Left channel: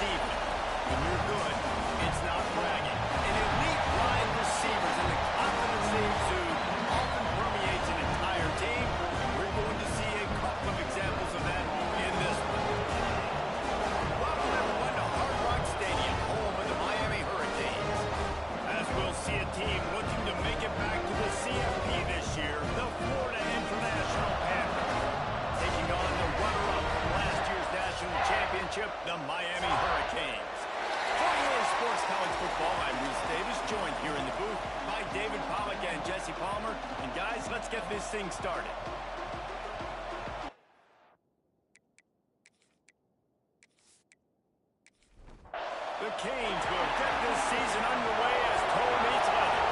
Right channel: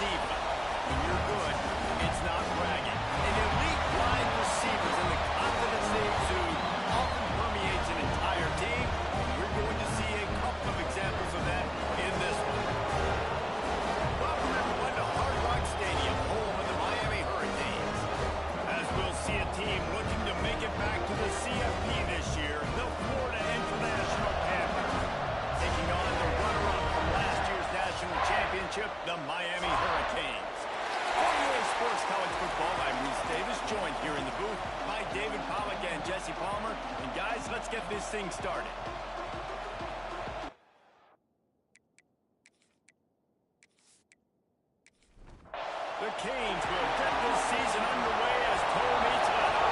diva. When you're good, it's not bragging. An elite wide receivers and the confidence they exude often permeates an entire team, and we're going to see a couple of examples of that in this one. Welcome, everyone, to Hard Rock Stadium, home of the Miami Hurricanes. As we'll see a team looking to make it back to the CFP this year, the Florida International Panthers, taking on the runner-up from last year's national championship, the Miami Hurricanes. For EA Sports College Football, I'm Reese Davis, joined here in the booth by David Pollack and Jesse Palmer. And guys, let's get this thing started. The Canes will get this season underway as toe meets leather.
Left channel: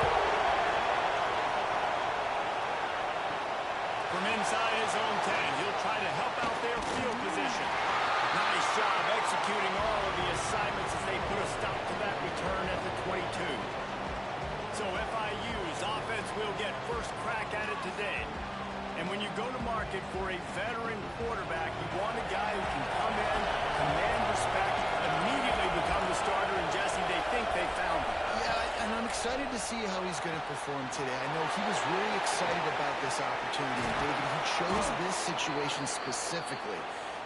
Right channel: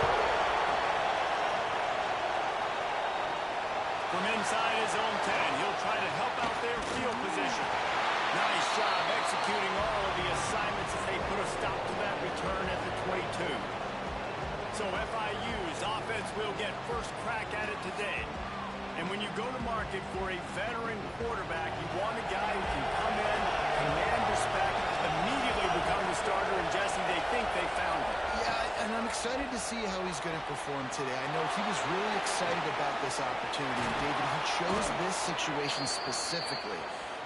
From inside his own 10, he'll try to help out their field position. Nice job executing all of the assignments as they put a stop to that return at the 22. So FIU's offense will get first crack at it today. And when you go to market for a veteran quarterback, you want a guy who can come in, command respect, immediately become the starter, and Jesse, they think they found him. Yeah, and I'm excited to see how he's going to perform today. I know he was really excited about this opportunity, and David, he chose this situation specifically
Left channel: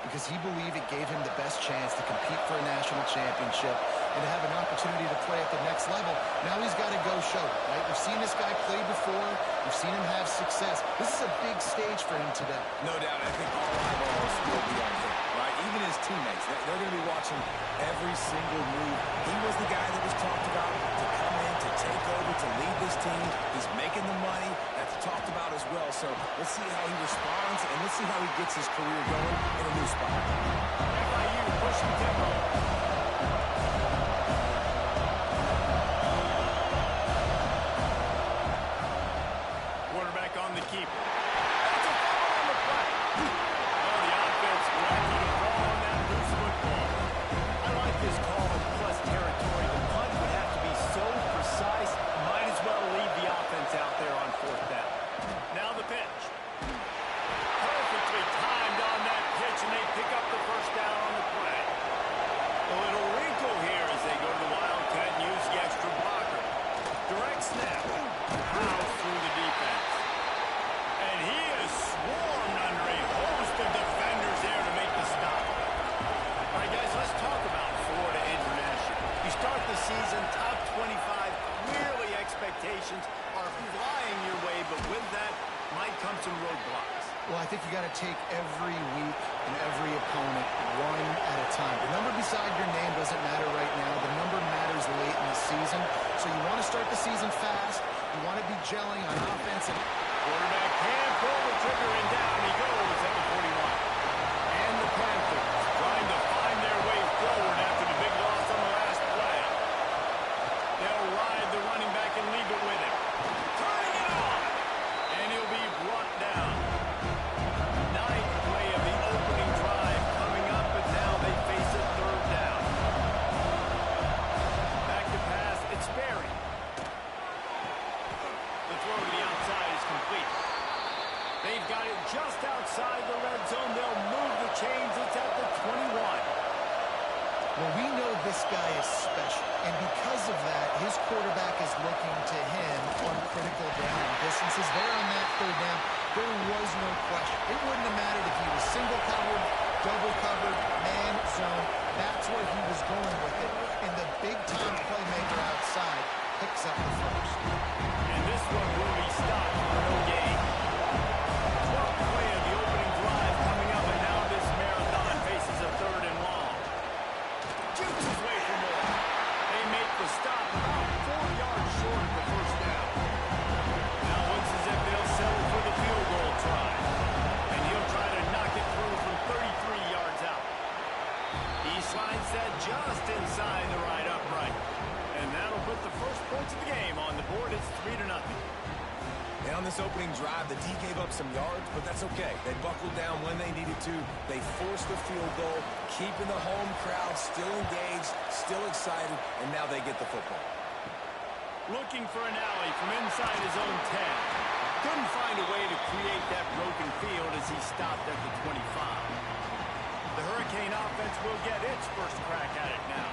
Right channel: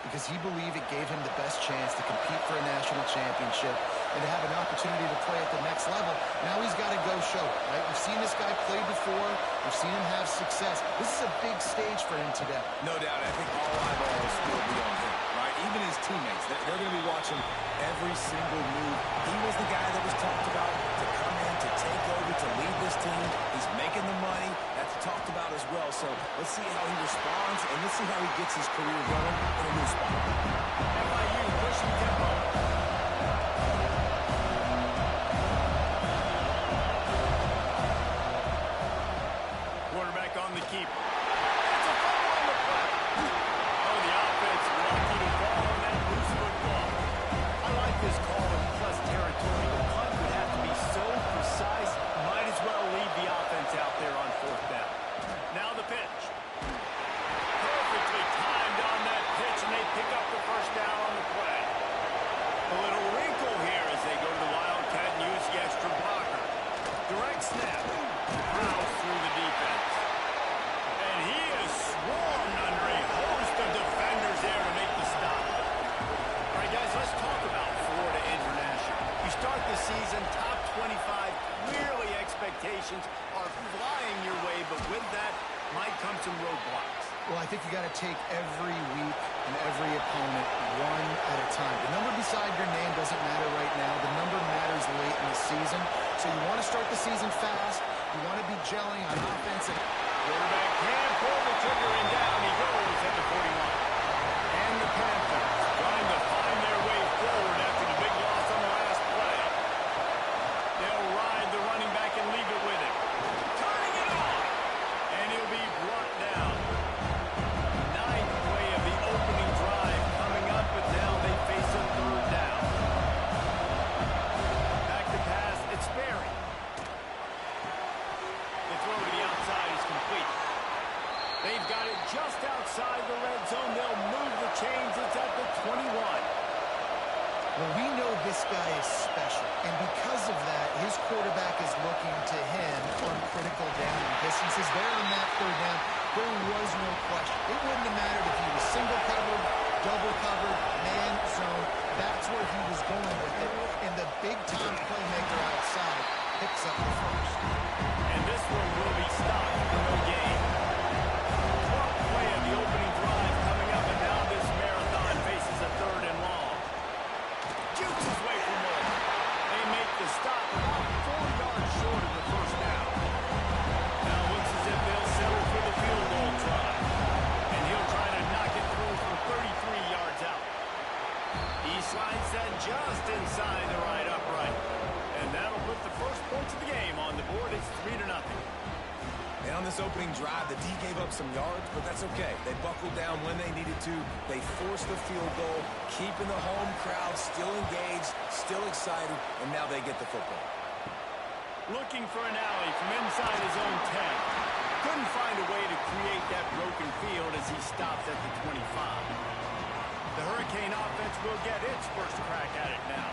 because he believed it gave him the best chance to compete for a national championship and to have an opportunity to play at the next level. Now he's got to go show it, right? We've seen this guy play before. We've seen him have success. This is a big stage for him today. No doubt. I think all eyeballs will be on him, right? Even his teammates, they're going to be watching every single move. He was the guy that was talked about to come in, to take over, to lead this team. He's making the money. That's talked about as well. So let's see how he responds, and let's see how he gets his career going in a new spot. FIU pushing tempo. Quarterback on the keeper. That's a fumble on the play. Oh, the offense lucky to fall on that loose football. I like this call in plus territory. The punt would have to be so precise, might as well leave the offense out there on fourth down. Now the pitch. Perfectly timed on that pitch, and they pick up the first down on the play. A little wrinkle here as they go to the Wildcat and use the extra blocker. Direct snap. House through the defense. And he is swarmed under a host of defenders there to make the stop. All right, guys, let's talk about Florida International. You start the season top 25. Clearly expectations are flying your way, but with that might come some roadblocks. Well, I think you got to take every week and every opponent one at a time. The number beside your name doesn't matter right now. The number matters late in the season. So you want to start the season fast. You want to be gelling on offense. Quarterback can pull the trigger, and down he goes at the 41. And the Panthers trying to find their way forward after the big loss on the last play. They'll ride the running back and leave it with him. Turning it on. And he'll be brought down. Ninth play of the opening drive coming up, but now they face a third down. Back to pass, it's Berry. The throw to the outside is complete. They've got it just outside the red zone. They'll move the chains. It's at the 21. Well, we know this guy is special, and because of that, his quarterback is looking to him on critical down and distances. There on that third down, there was no question. It wouldn't have mattered if he was single covered, double covered, man zone. That's where he was going with it, and the big-time playmaker outside picks up the first. And this one will be stopped for no gain. 12th play of the opening drive coming up, and now this marathon faces a third and long. Jukes his way for more. They make the stop about 4 yards short of the first down. Now looks as if they'll settle for the field goal try. And he'll try to knock it through from 33 yards out. He slides that just inside the right upright. And that'll put the first points of the game on the board. It's 3-0. And on this opening drive, the D gave up some yards, but that's okay. They buckled down when they needed to. They forced the field goal, keeping the home crowd still engaged, still excited, and now they get the football. Looking for an alley from inside his own 10. Couldn't find a way to create that broken field as he stopped at the 25. The Hurricanes Cane offense will get its first crack at it now.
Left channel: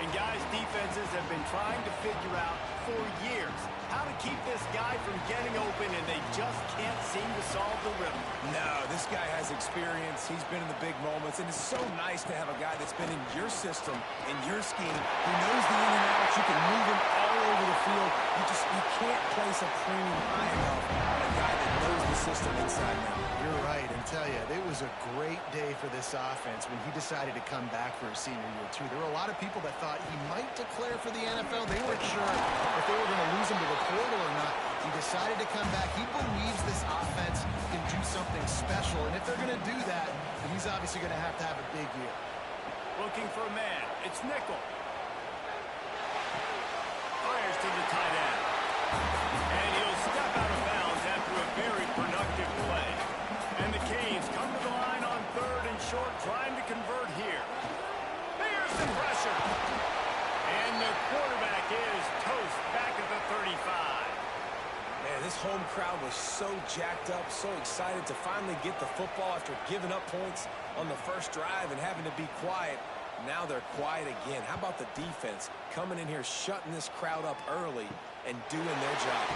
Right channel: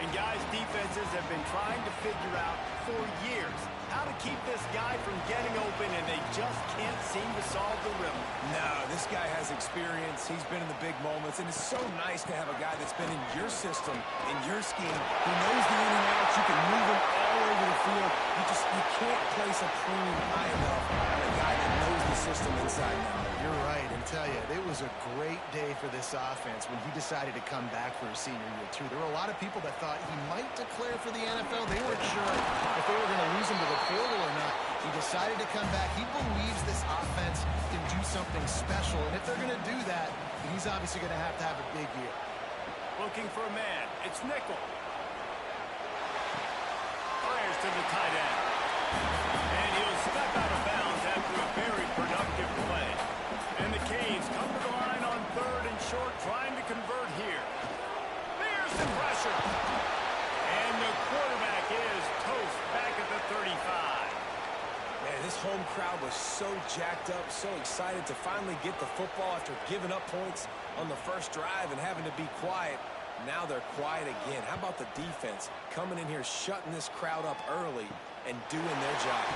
And guys, defenses have been trying to figure out for years how to keep this guy from getting open, and they just can't seem to solve the riddle. No, this guy has experience. He's been in the big moments, and it's so nice to have a guy that's been in your system, in your scheme. He knows the in and outs. You can move him all over the field. You can't place a premium high enough on a guy that knows the system inside and out. You're right, and tell you, it was a great day for this offense when he decided to come back for his senior year, too. There were a lot of people that thought he might declare for the NFL. They weren't sure if they were going to lose him to the portal or not. He decided to come back. He believes this offense can do something special, and if they're going to do that, then he's obviously going to have a big year. Looking for a man. It's Nickel. Fires to the tight end. And he'll step out of bounds after a very productive play. And the Canes come to the line on 3rd and short, trying to convert here. There's the pressure. And the quarterback is toast back at the 35. Man, this home crowd was so jacked up, so excited to finally get the football after giving up points on the first drive and having to be quiet. Now they're quiet again. How about the defense coming in here, shutting this crowd up early and doing their job?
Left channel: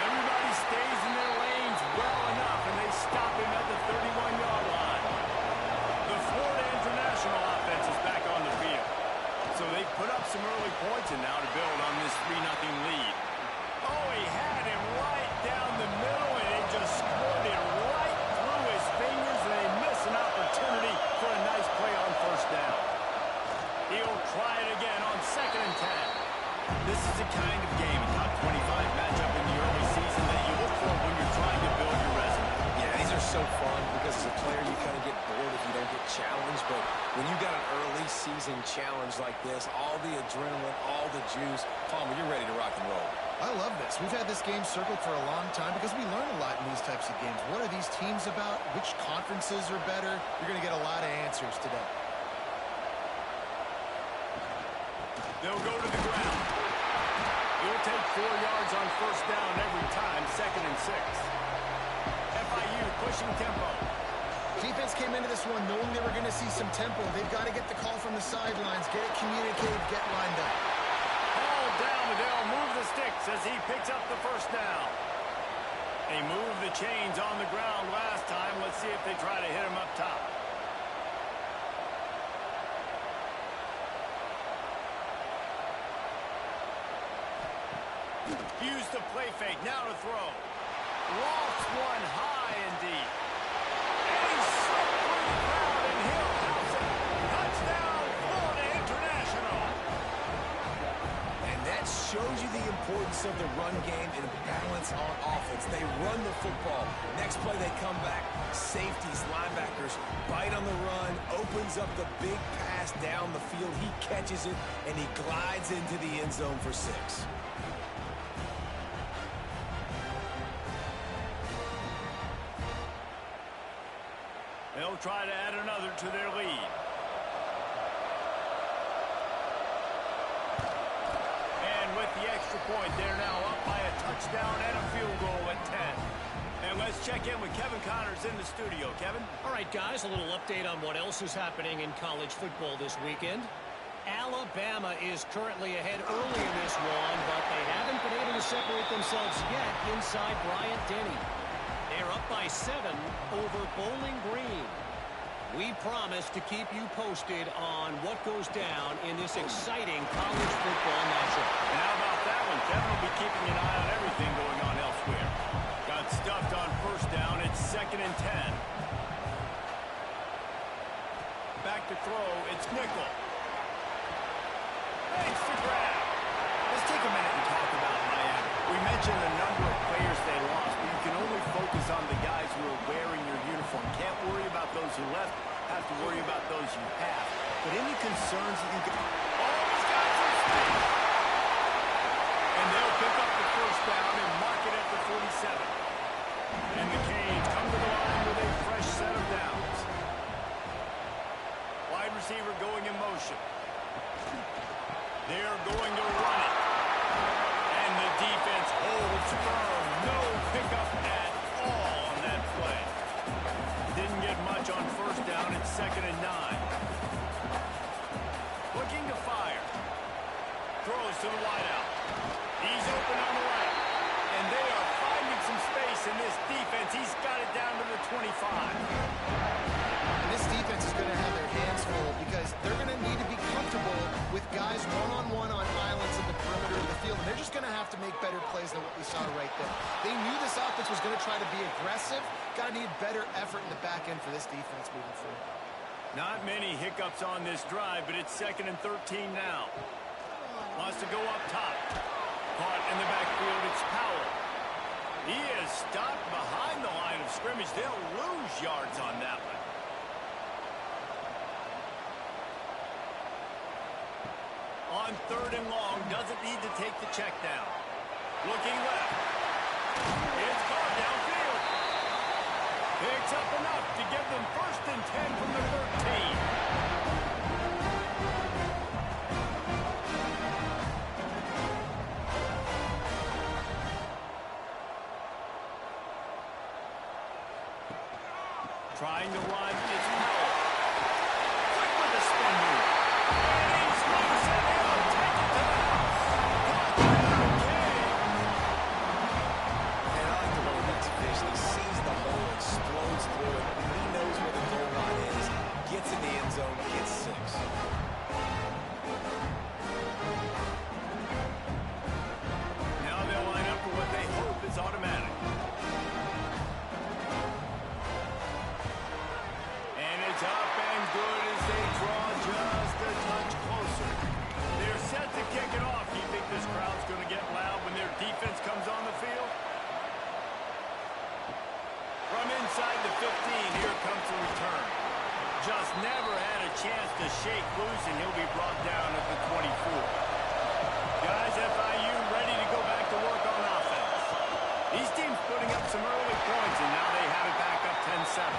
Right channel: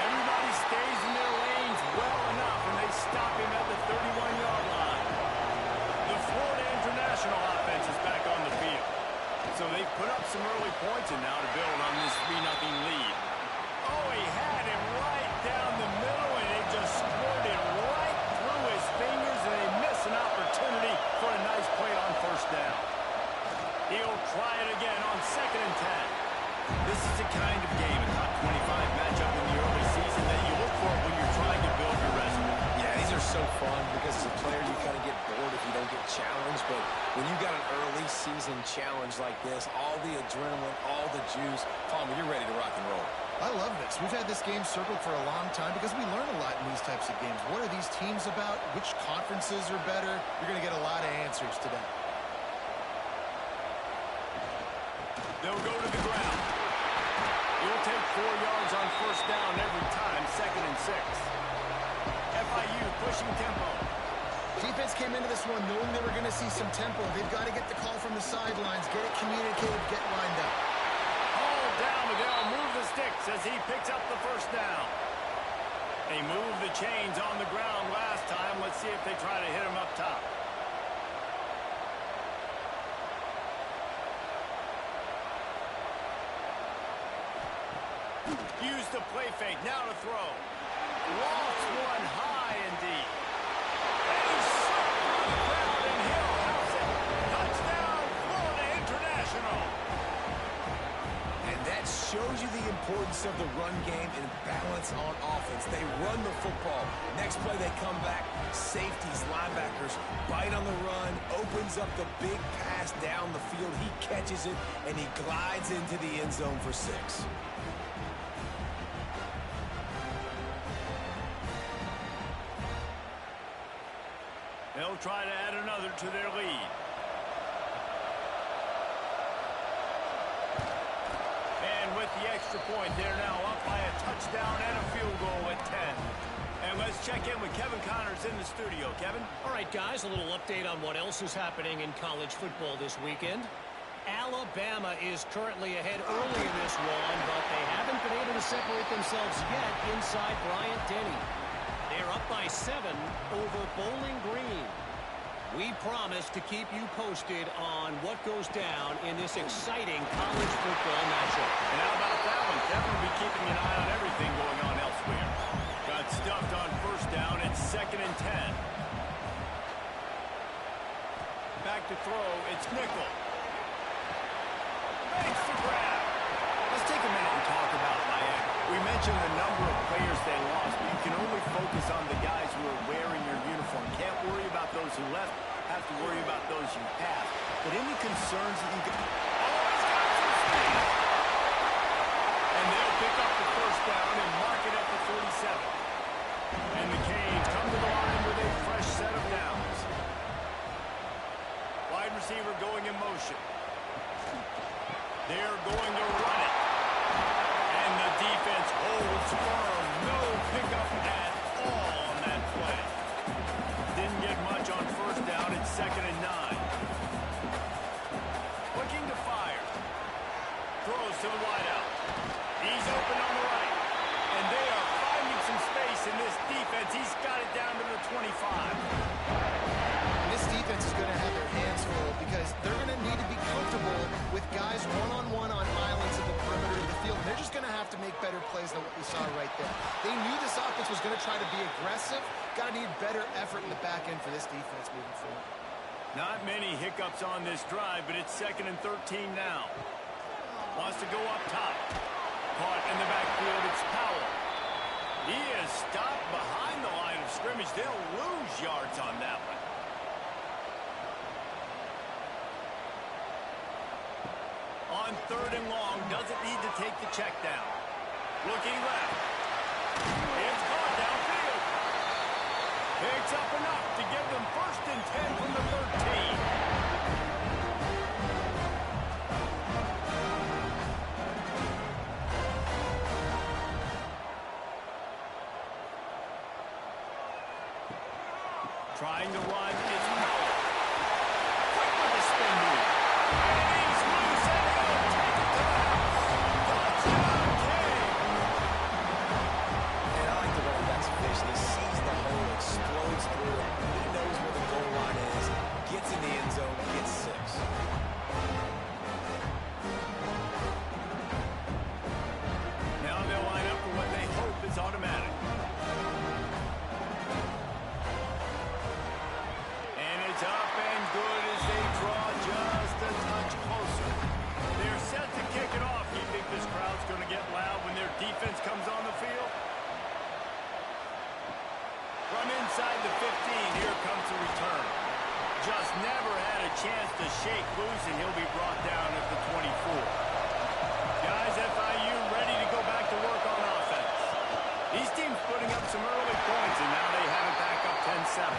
Everybody stays in their lanes well enough, and they stop him at the 31-yard line. The Florida International offense is back on the field. So they've put up some early points, and now to build on this 3-0 lead. Oh, he had him right down the middle, and it just squirted right through his fingers, and they miss an opportunity for a nice play on first down. He'll try it again on 2nd and 10. This is the kind of game, a top 25 matchup in the early season, that you look for when you're trying to build your resume. Yeah, these are so fun because as a player you kind of get bored if you don't get challenged, but when you got an early season challenge like this, all the adrenaline, all the juice, Palmer, you're ready to rock and roll. I love this. We've had this game circled for a long time because we learn a lot in these types of games. What are these teams about? Which conferences are better? You're going to get a lot of answers today. They'll go to the ground. You'll take 4 yards on first down every time, 2nd and 6. FIU pushing tempo. Defense came into this one knowing they were going to see some tempo. They've got to get the call from the sidelines, get it communicated, get lined up. Hauled down, but they'll move the sticks as he picks up the first down. They moved the chains on the ground last time. Let's see if they try to hit him up top. Use the play fake, now to throw. Lofts one high and deep. And he's slipped through the crowd, and he'll house it. Touchdown, Florida International. And that shows you the importance of the run game and balance on offense. They run the football. Next play, they come back. Safeties, linebackers, bite on the run, opens up the big pass down the field. He catches it, and he glides into the end zone for 6. They'll try to add another to their lead. And with the extra point, they're now up by a touchdown and a field goal at 10. And let's check in with Kevin Connors in the studio. Kevin? All right, guys, a little update on what else is happening in college football this weekend. Alabama is currently ahead early in this one, but they haven't been able to separate themselves yet inside Bryant-Denny. They're up by 7 over Bowling Green. We promise to keep you posted on what goes down in this exciting college football matchup. And how about that one? Kevin will be keeping an eye on everything going on elsewhere. Got stuffed on first down. It's 2nd and 10. Back to throw. It's Nickel. Makes the grab. Let's take a minute and talk about Miami. We mentioned the number of players they lost, but you can only focus on the guys who are wearing your uniform. Can't worry about those who left. Have to worry about those you have. But any concerns that you can... Oh, he's got some speed! And they'll pick up the first down and mark it at the 47. And the Canes come to the line with a fresh set of downs. Wide receiver going in motion. They're going to run it. And the defense holds firm. No pickup at all on that play. Didn't get much on first first down. It's 2nd and 9. Looking to fire. Throws to the wideout. He's open on the right. And they are finding some space in this defense. He's got it down to the 25. And this defense is going to have their hands full because they're going to need to be comfortable with guys one-on-one on islands in the perimeter of the field. And they're just going to have to make better plays than what we saw right there. They knew this offense was going to try to be aggressive. Got to need better effort in the back end for this defense moving forward. Not many hiccups on this drive, but it's 2nd and 13 now. Wants to go up top. Caught in the backfield, it's Powell. He is stopped behind the line of scrimmage. They'll lose yards on that one. On 3rd and long, doesn't need to take the check down. Looking left. It's caught downfield. Picks up enough to give them 1st and 10 from the 13. Trying to run, it's Powell. Quick with the spin move. And he's loose, and he'll take it to the house. Touchdown, King. And I like the running back's vision. He sees the hole, explodes through it. He knows where the goal line is, gets in the end zone, gets 6. Now they'll line up for what they hope is automatic. It's up and good as they draw just a touch closer. They're set to kick it off. Do you think this crowd's going to get loud when their defense comes on the field? From inside the 15, here comes the return. Just never had a chance to shake loose, and he'll be brought down at the 24. Guys, FIU ready to go back to work on offense. These teams putting up some early points, and now they have it back up 10-7.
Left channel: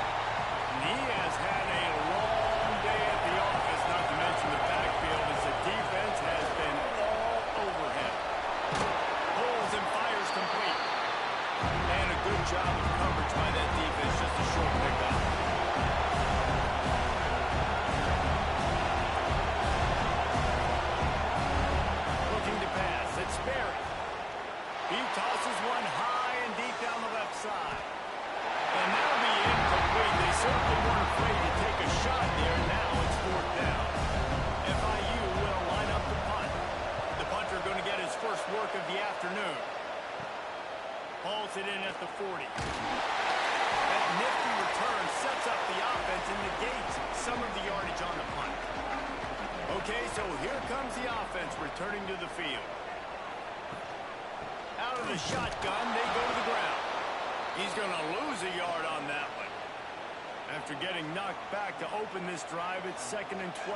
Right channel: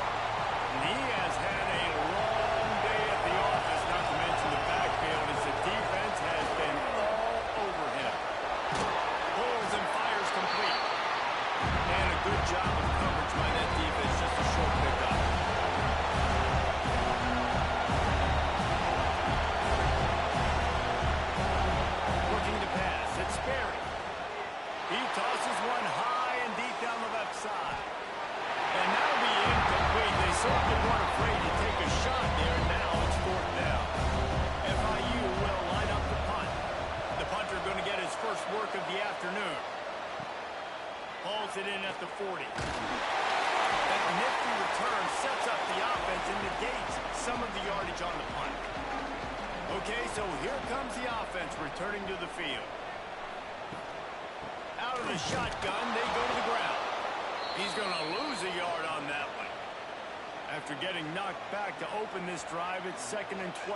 And he has had a long day at the office, not to mention the backfield, as the defense has been all over him. Pulls and fires complete. And a good job of coverage by that defense, just a short pickup. Looking to pass, it's Sperry. He tosses one high and deep down the left side. And that'll be incomplete. They certainly weren't afraid to take a shot there, and now it's 4th down. FIU will line up the punt. The punter going to get his first work of the afternoon. Hauls it in at the 40. That nifty return sets up the offense and negates some of the yardage on the punt. Okay, so here comes the offense returning to the field. Out of the shotgun, they go to the ground. He's going to lose a yard on that one. After getting knocked back to open this drive, it's 2nd and 12.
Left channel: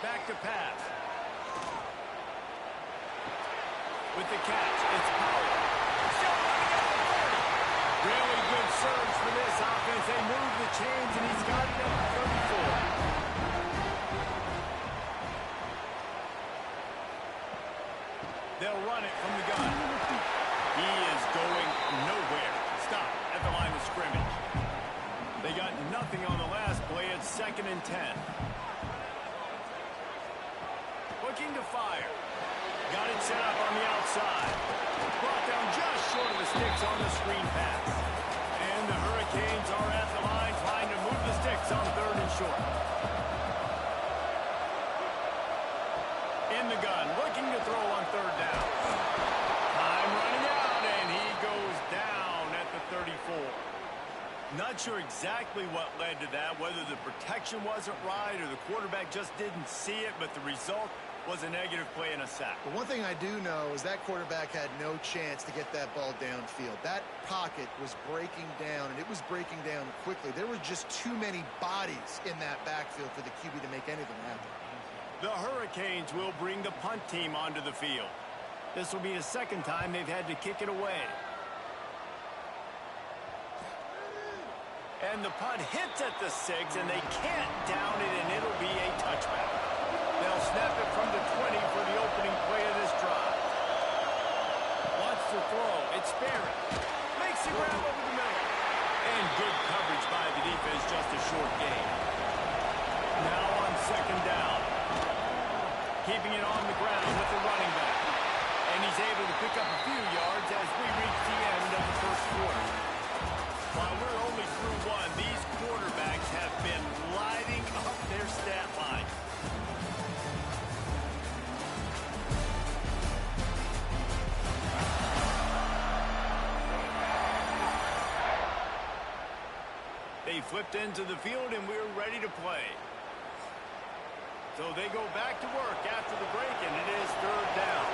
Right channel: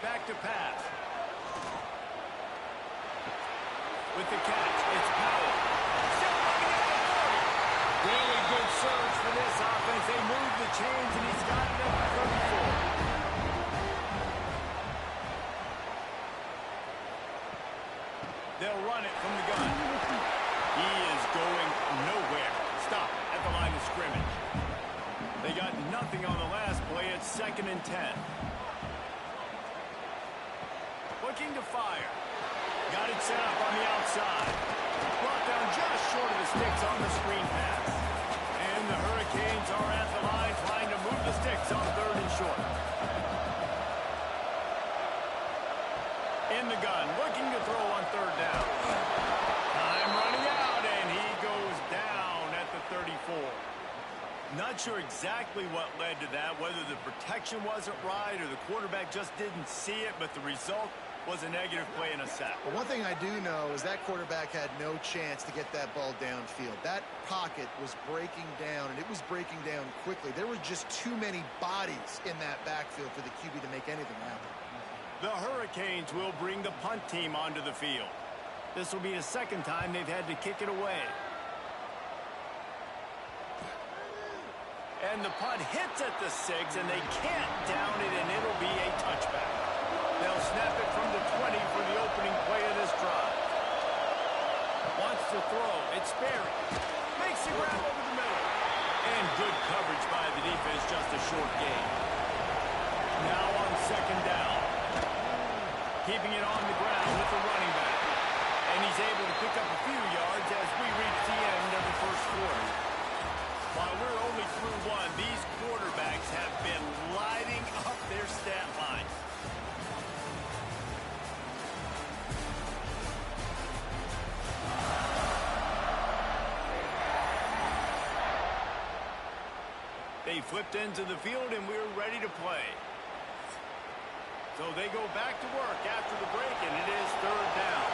Back to pass. With the catch, it's Powell. Still running at the 40. Really good surge for this offense. They move the chains, and he's got it at the 34. They'll run it from the gun. He is going nowhere. Stop at the line of scrimmage. They got nothing on the last play. It's 2nd and 10. Looking to fire. Got it set up on the outside. Brought down just short of the sticks on the screen pass. And the Hurricanes are at the line trying to move the sticks on 3rd and short. In the gun, looking to throw on 3rd down. Time running out, and he goes down at the 34. Not sure exactly what led to that, whether the protection wasn't right or the quarterback just didn't see it, but the result was a negative play and a sack. But one thing I do know is that quarterback had no chance to get that ball downfield. That pocket was breaking down, and it was breaking down quickly. There were just too many bodies in that backfield for the QB to make anything happen. The Hurricanes will bring the punt team onto the field. This will be the 2nd time they've had to kick it away. And the punt hits at the 6, and they can't down it, and it'll be a touchback. They'll snap it from the 20 for the opening play of this drive. Wants to throw. It's Sperry. Makes the grab over the middle. And good coverage by the defense, just a short gain. Now on second down. Keeping it on the ground with the running back. And he's able to pick up a few yards as we reach the end of the first quarter. While we're only through one, these quarterbacks have been lighting up their stat line. They flipped into the field, and we're ready to play. So they go back to work after the break, and it is third down.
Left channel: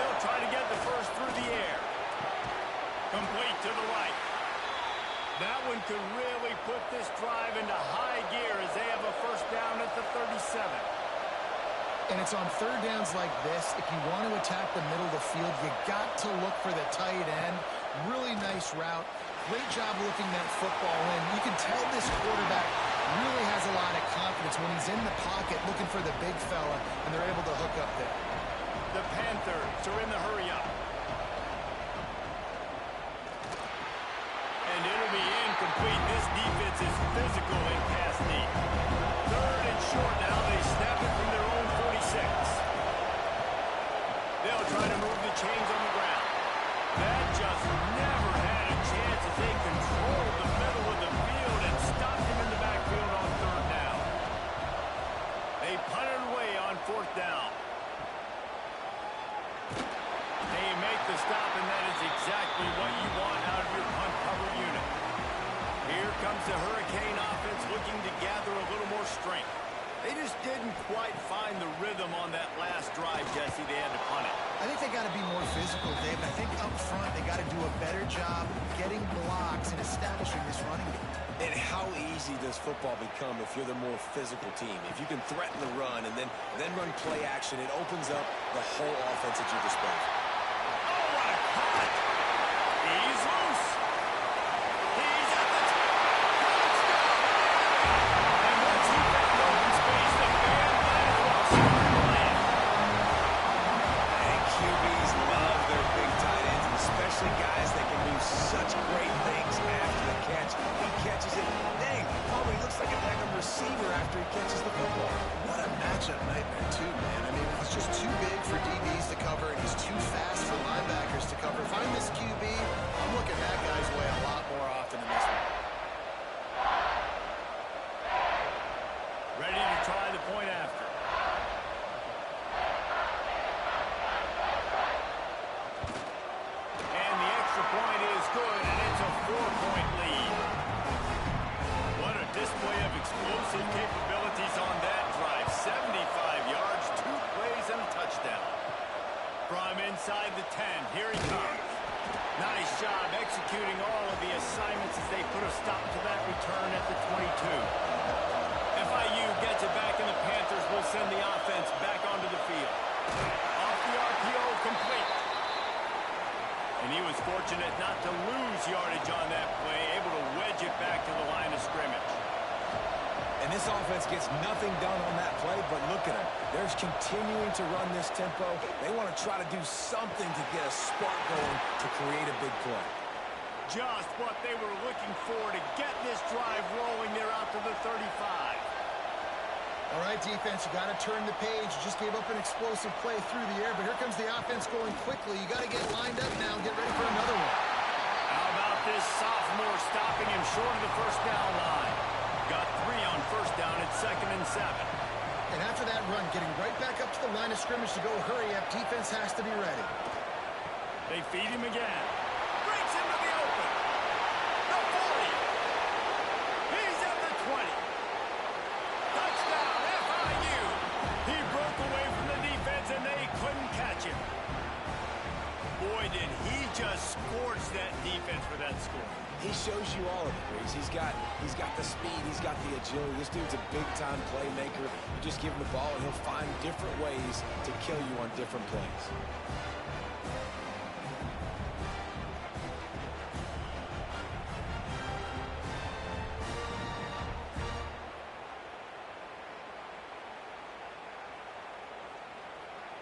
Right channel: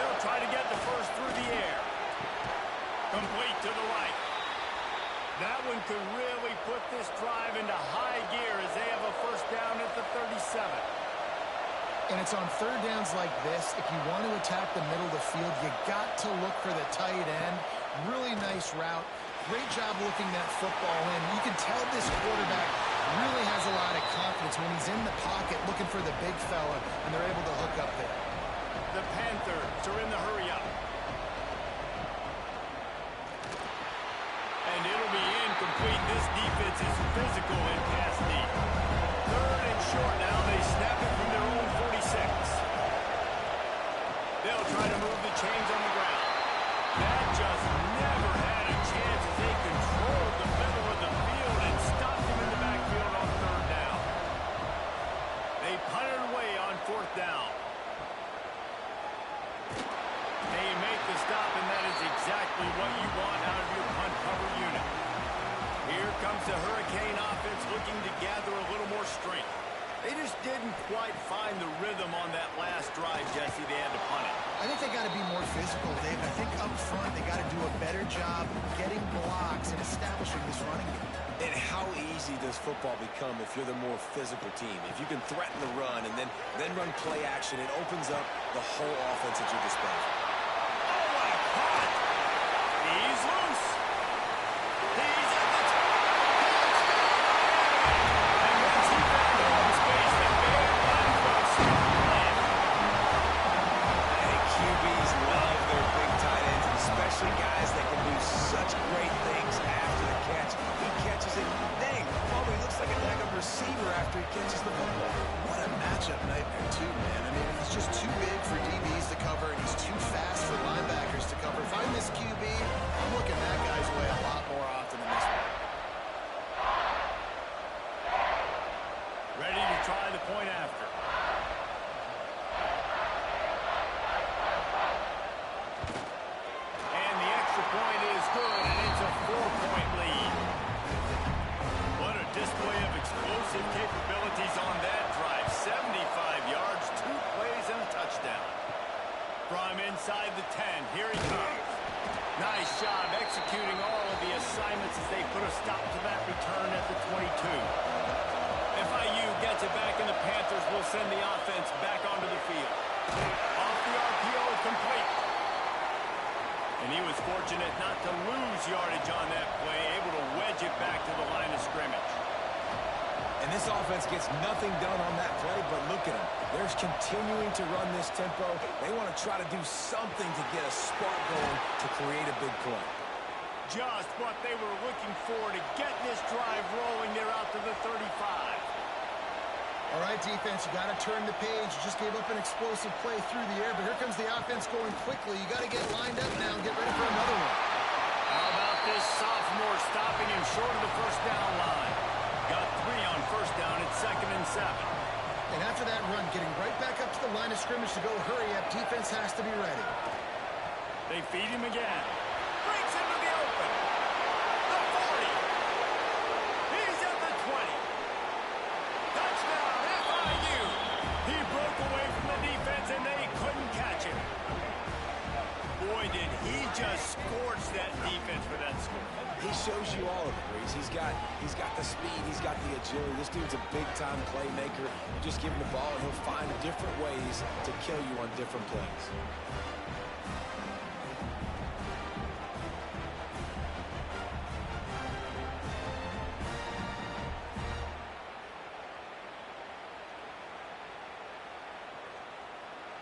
They'll try to get the first through the air. Complete to the right. That one could really put this drive into high gear as they have a first down at the 37. And it's on third downs like this, if you want to attack the middle of the field, you got to look for the tight end. Really nice route. Great job looking that football in. You can tell this quarterback really has a lot of confidence when he's in the pocket looking for the big fella, and they're able to hook up there. The Panthers are in the hurry-up. And it'll be incomplete. This defense is physical in pass deep. Third and short now. They snap it from their own 46. They'll try to move the chains on the ground. That just never had a chance as they controlled the middle of the field and stopped him in the backfield on third down. They punted away on fourth down. They make the stop, and that is exactly what you want out of your punt cover unit. Here comes the Hurricane offense looking to gather a little more strength. They just didn't quite find the rhythm on that last drive, Jesse. They had to punt it. I think they got to be more physical, Dave. I think up front they got to do a better job getting blocks and establishing this running game. And how easy does football become if you're the more physical team? If you can threaten the run and then run play action, it opens up the whole offense at your disposal. Oh, what a cut! He's loose. He's at the touchdown, Miami! And once he found open space, the band might as well start playing. And QBs love their big tight ends, and especially guys that can do such great things after the catch. He catches it, dang, probably looks like a daggum receiver after he catches the football. What a matchup nightmare, too, man. I mean, he's just too big for DBs to cover, and he's too fast for linebackers to cover. If I'm this QB, I'm looking that guy's way a lot more often than this one. Ready to try the point after. And the extra point is good, and it's a 4-point lead. What a display of explosive capabilities on that drive. 75 yards, 2 plays, and a touchdown. From inside the 10, here he comes. Nice job executing all of the assignments as they put a stop to that return at the 22. FIU gets it back, and the Panthers will send the offense back onto the field. Off the RPO, complete. And he was fortunate not to lose yardage on that play, able to wedge it back to the line of scrimmage. And this offense gets nothing done on that play, but look at them. They're continuing to run this tempo. They want to try to do something to get a spark going to create a big play. Just what they were looking for to get this drive rolling. They're out to the 35. All right, defense, you got to turn the page. You just gave up an explosive play through the air, but here comes the offense going quickly. You got to get lined up now and get ready for another one. How about this sophomore stopping him short of the first down line? Got 3 on first down at 2nd and 7. And after that run, getting right back up to the line of scrimmage to go hurry up, defense has to be ready. They feed him again. Breaks into the open. The 40. He's at the 20. Touchdown, FIU. He broke away from the defense, and they couldn't catch him. Boy, did he just scorch that defense for that score. He shows you all of it, Reese. He's got the speed. He's got the agility. This dude's a big-time playmaker. You just give him the ball, and he'll find different ways to kill you on different plays.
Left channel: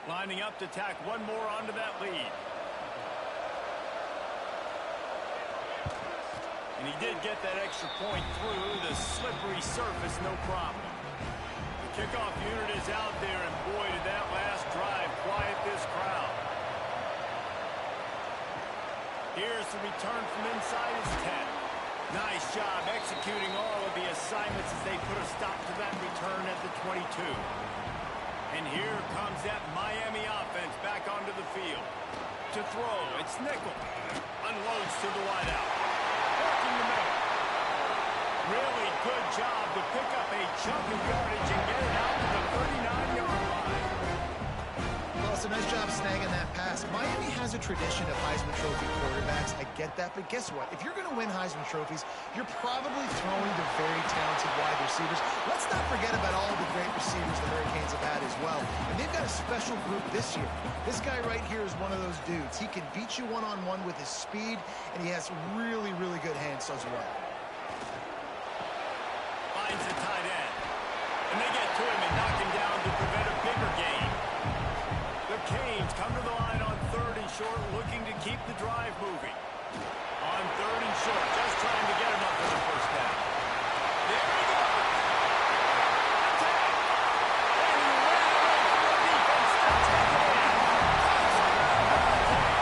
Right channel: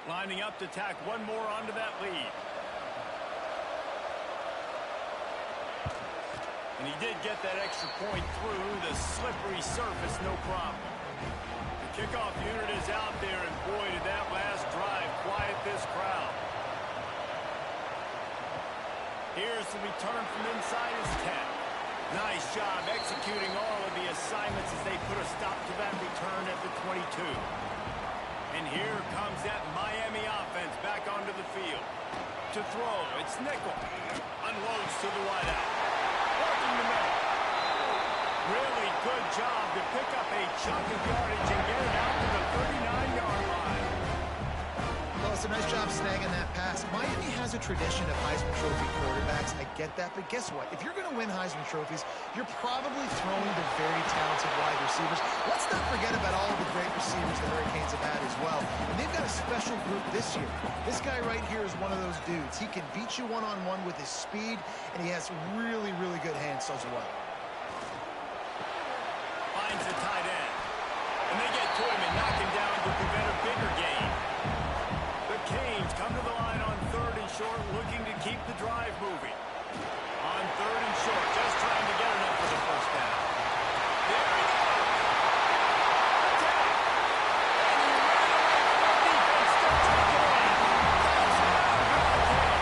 Lining up to tack one more onto that lead. And he did get that extra point through the slippery surface, no problem. The kickoff unit is out there, and boy, did that last drive quiet this crowd. Here's the return from inside his 10. Nice job executing all of the assignments as they put a stop to that return at the 22. And here comes that Miami offense back onto the field. To throw, it's nickel. Unloads to the wideout. Working the middle. Really good job to pick up a chunk of yardage and get it out to the 39-yard line. Well, it's a nice job snagging that pass. Miami has a tradition of Heisman Trophy quarterbacks. I get that, but guess what? If you're going to win Heisman Trophies, you're probably throwing to very talented wide receivers. Let's not forget about all the great receivers the Hurricanes have had as well. And they've got a special group this year. This guy right here is one of those dudes. He can beat you one-on-one with his speed, and he has really, really good hands as well. Finds the tight end. And they get to him and knock him down to prevent a bigger gain. The Canes come to the line on 3rd and short, looking to keep the drive moving. On 3rd and short, just trying to get enough for the first down. There he goes. Attack. And he ran away from the defense to take it in. Touchdown, Hurricane.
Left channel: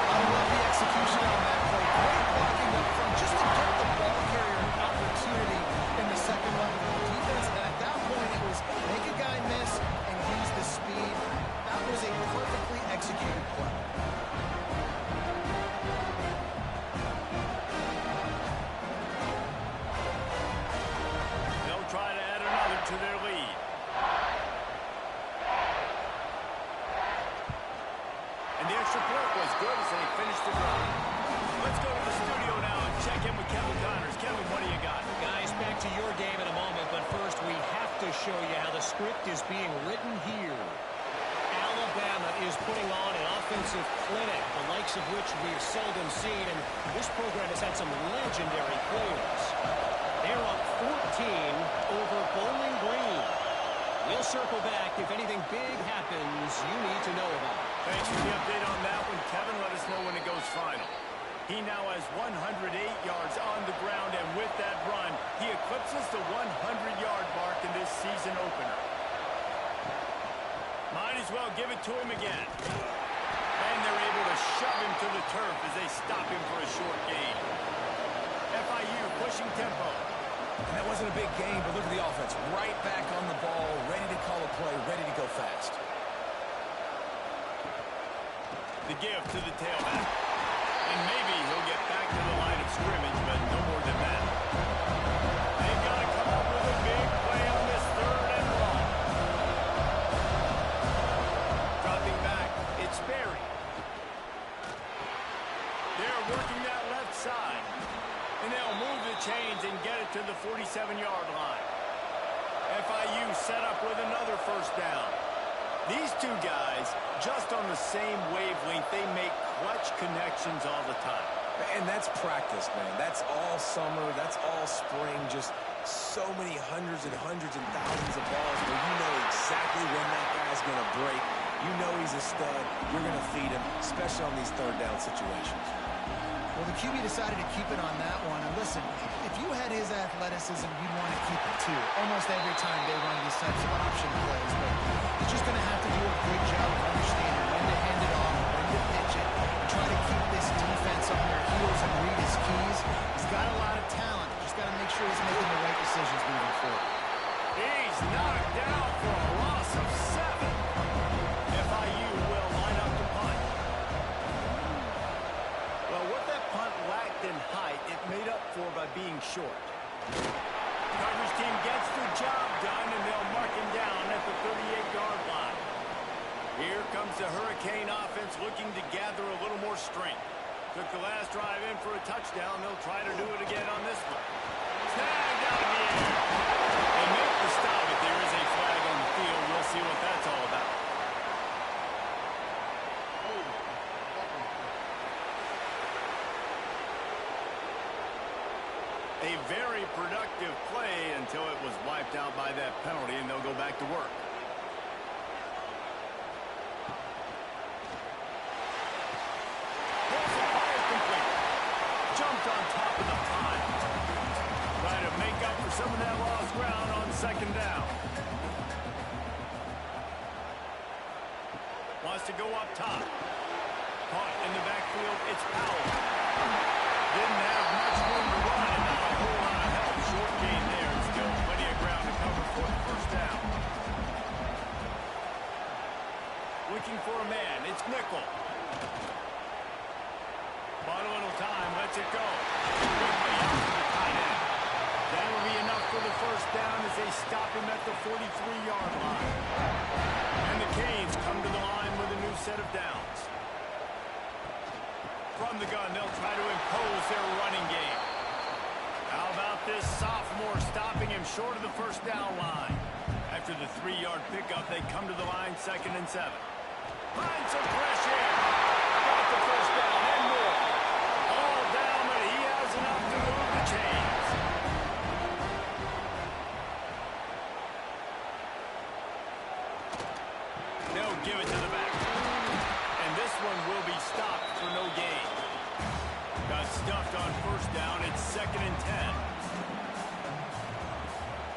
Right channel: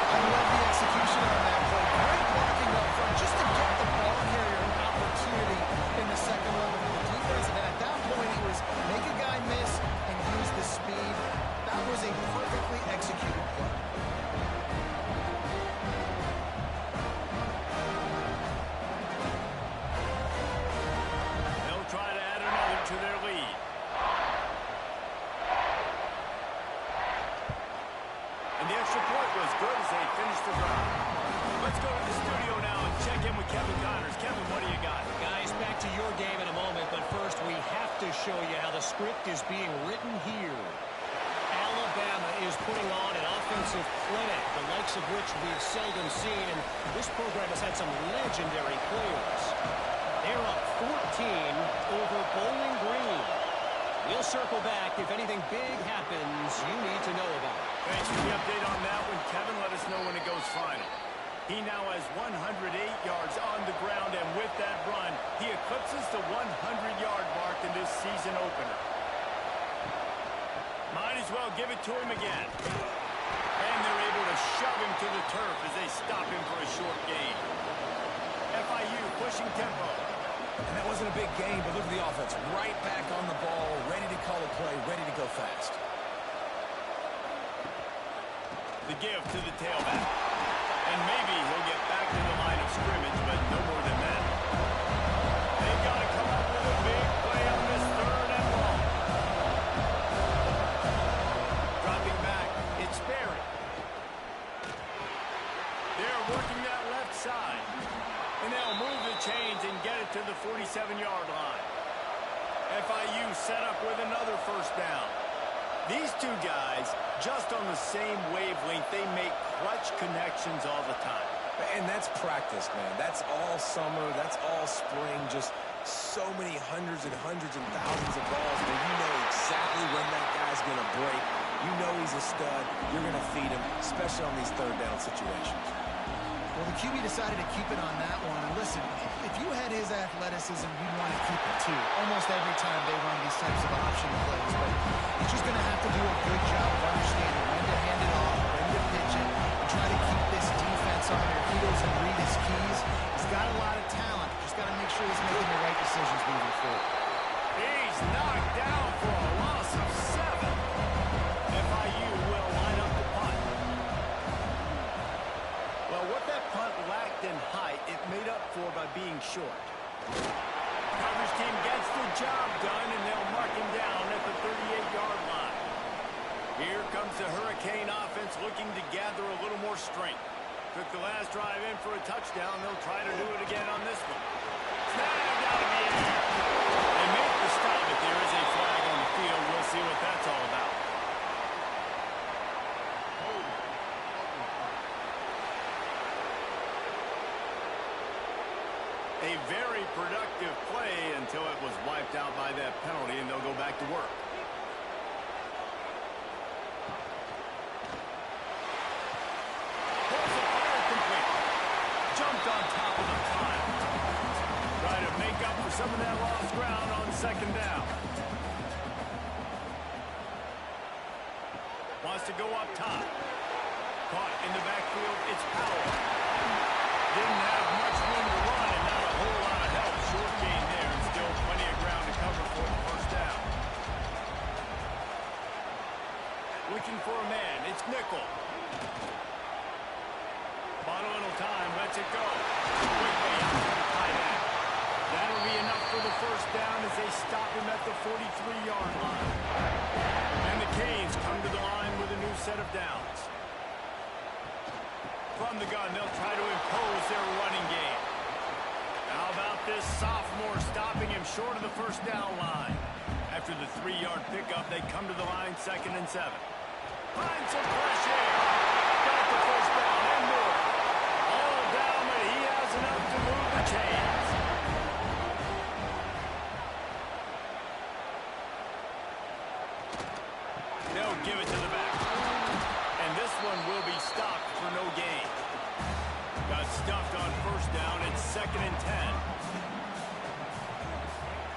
I love the execution on that play. Great blocking up front just to get the ball carrier an opportunity in the second level of the defense. And at that point, it was make a guy miss and use the speed. That was a perfectly executed play. They'll try to add another to their lead. And the extra point was good as they finished the drive. Let's go to the studio now and check in with Kevin Connors. Kevin, what do you got? Guys, back to your game in a moment, but first we have to show you how the script is being written here. Alabama is putting on an offensive clinic, the likes of which we've seldom seen, and this program has had some legendary players. They're up 14 over Bowling Green. We'll circle back if anything big happens you need to know about. Thanks for the update on that one, Kevin. Let us know when it goes final. He now has 108 yards on the ground, and with that run, he eclipses the 100-yard mark in this season opener. Might as well give it to him again. And they're able to shove him to the turf as they stop him for a short gain. FIU pushing tempo. And that wasn't a big gain, but look at the offense. Right back on the ball, ready to call a play, ready to go fast. The give to the tailback. And maybe he'll get back to the line of scrimmage, but no more than that. They've got to come up with a big play on this 3rd and long. Dropping back, it's Sperry. They're working that left side. And they'll move the chains and get it to the 47-yard line. FIU set up with another first down. These two guys, just on the same wavelength, they make clutch connections all the time. And that's practice, man. That's all summer. That's all spring. Just so many hundreds and thousands of balls where you know exactly when that guy's going to break. You know he's a stud. You're going to feed him, especially on these 3rd down situations. Well, the QB decided to keep it on that one. And listen, if you had his athleticism, you'd want to keep it too. Almost every time they run these types of option plays. But he's just going to have to do a good job of understanding when to hand it off, when to pitch it, and try to keep this defense on their heels and read his keys. He's got a lot of talent. Just got to make sure he's making the right decisions moving forward. He's knocked down for a loss of 7. FIU will line up to punt. Well, what that punt lacked in height, it made up for by being short. Coverage team gets the job done, and they'll mark him down at the 38-yard line. Here comes the Hurricane offense looking to gather a little more strength. Took the last drive in for a touchdown. They'll try to do it again on this one. Snagged out of the air. They make the stop, but there is a flag on the field. We'll see what that's all about. A very productive play until it was wiped out by that penalty, and they'll go back to work. Pulls it, fired complete. jumped on top of the pile. Try to make up for some of that lost ground on second down. Wants to go up top. Caught in the backfield, it's Powell. Didn't have much room to run and not a whole lot of help. Short gain there and still plenty of ground to cover for the first down. Looking for a man, it's Nickel. Bought a little time, lets it go. Quickly out to the tight end. That'll be enough for the first down as they stop him at the 43-yard line. And the Canes come to the line with a new set of downs. From the gun, they'll try to impose their running game. How about this sophomore stopping him short of the first down line? After the 3-yard pickup, they come to the line 2nd and 7. Find some fresh air. Got the first down and more. All down, but he has enough to move the chains. They'll give it to the back. And this one will be stopped for no gain. Got stuffed on first down. It's 2nd and 10.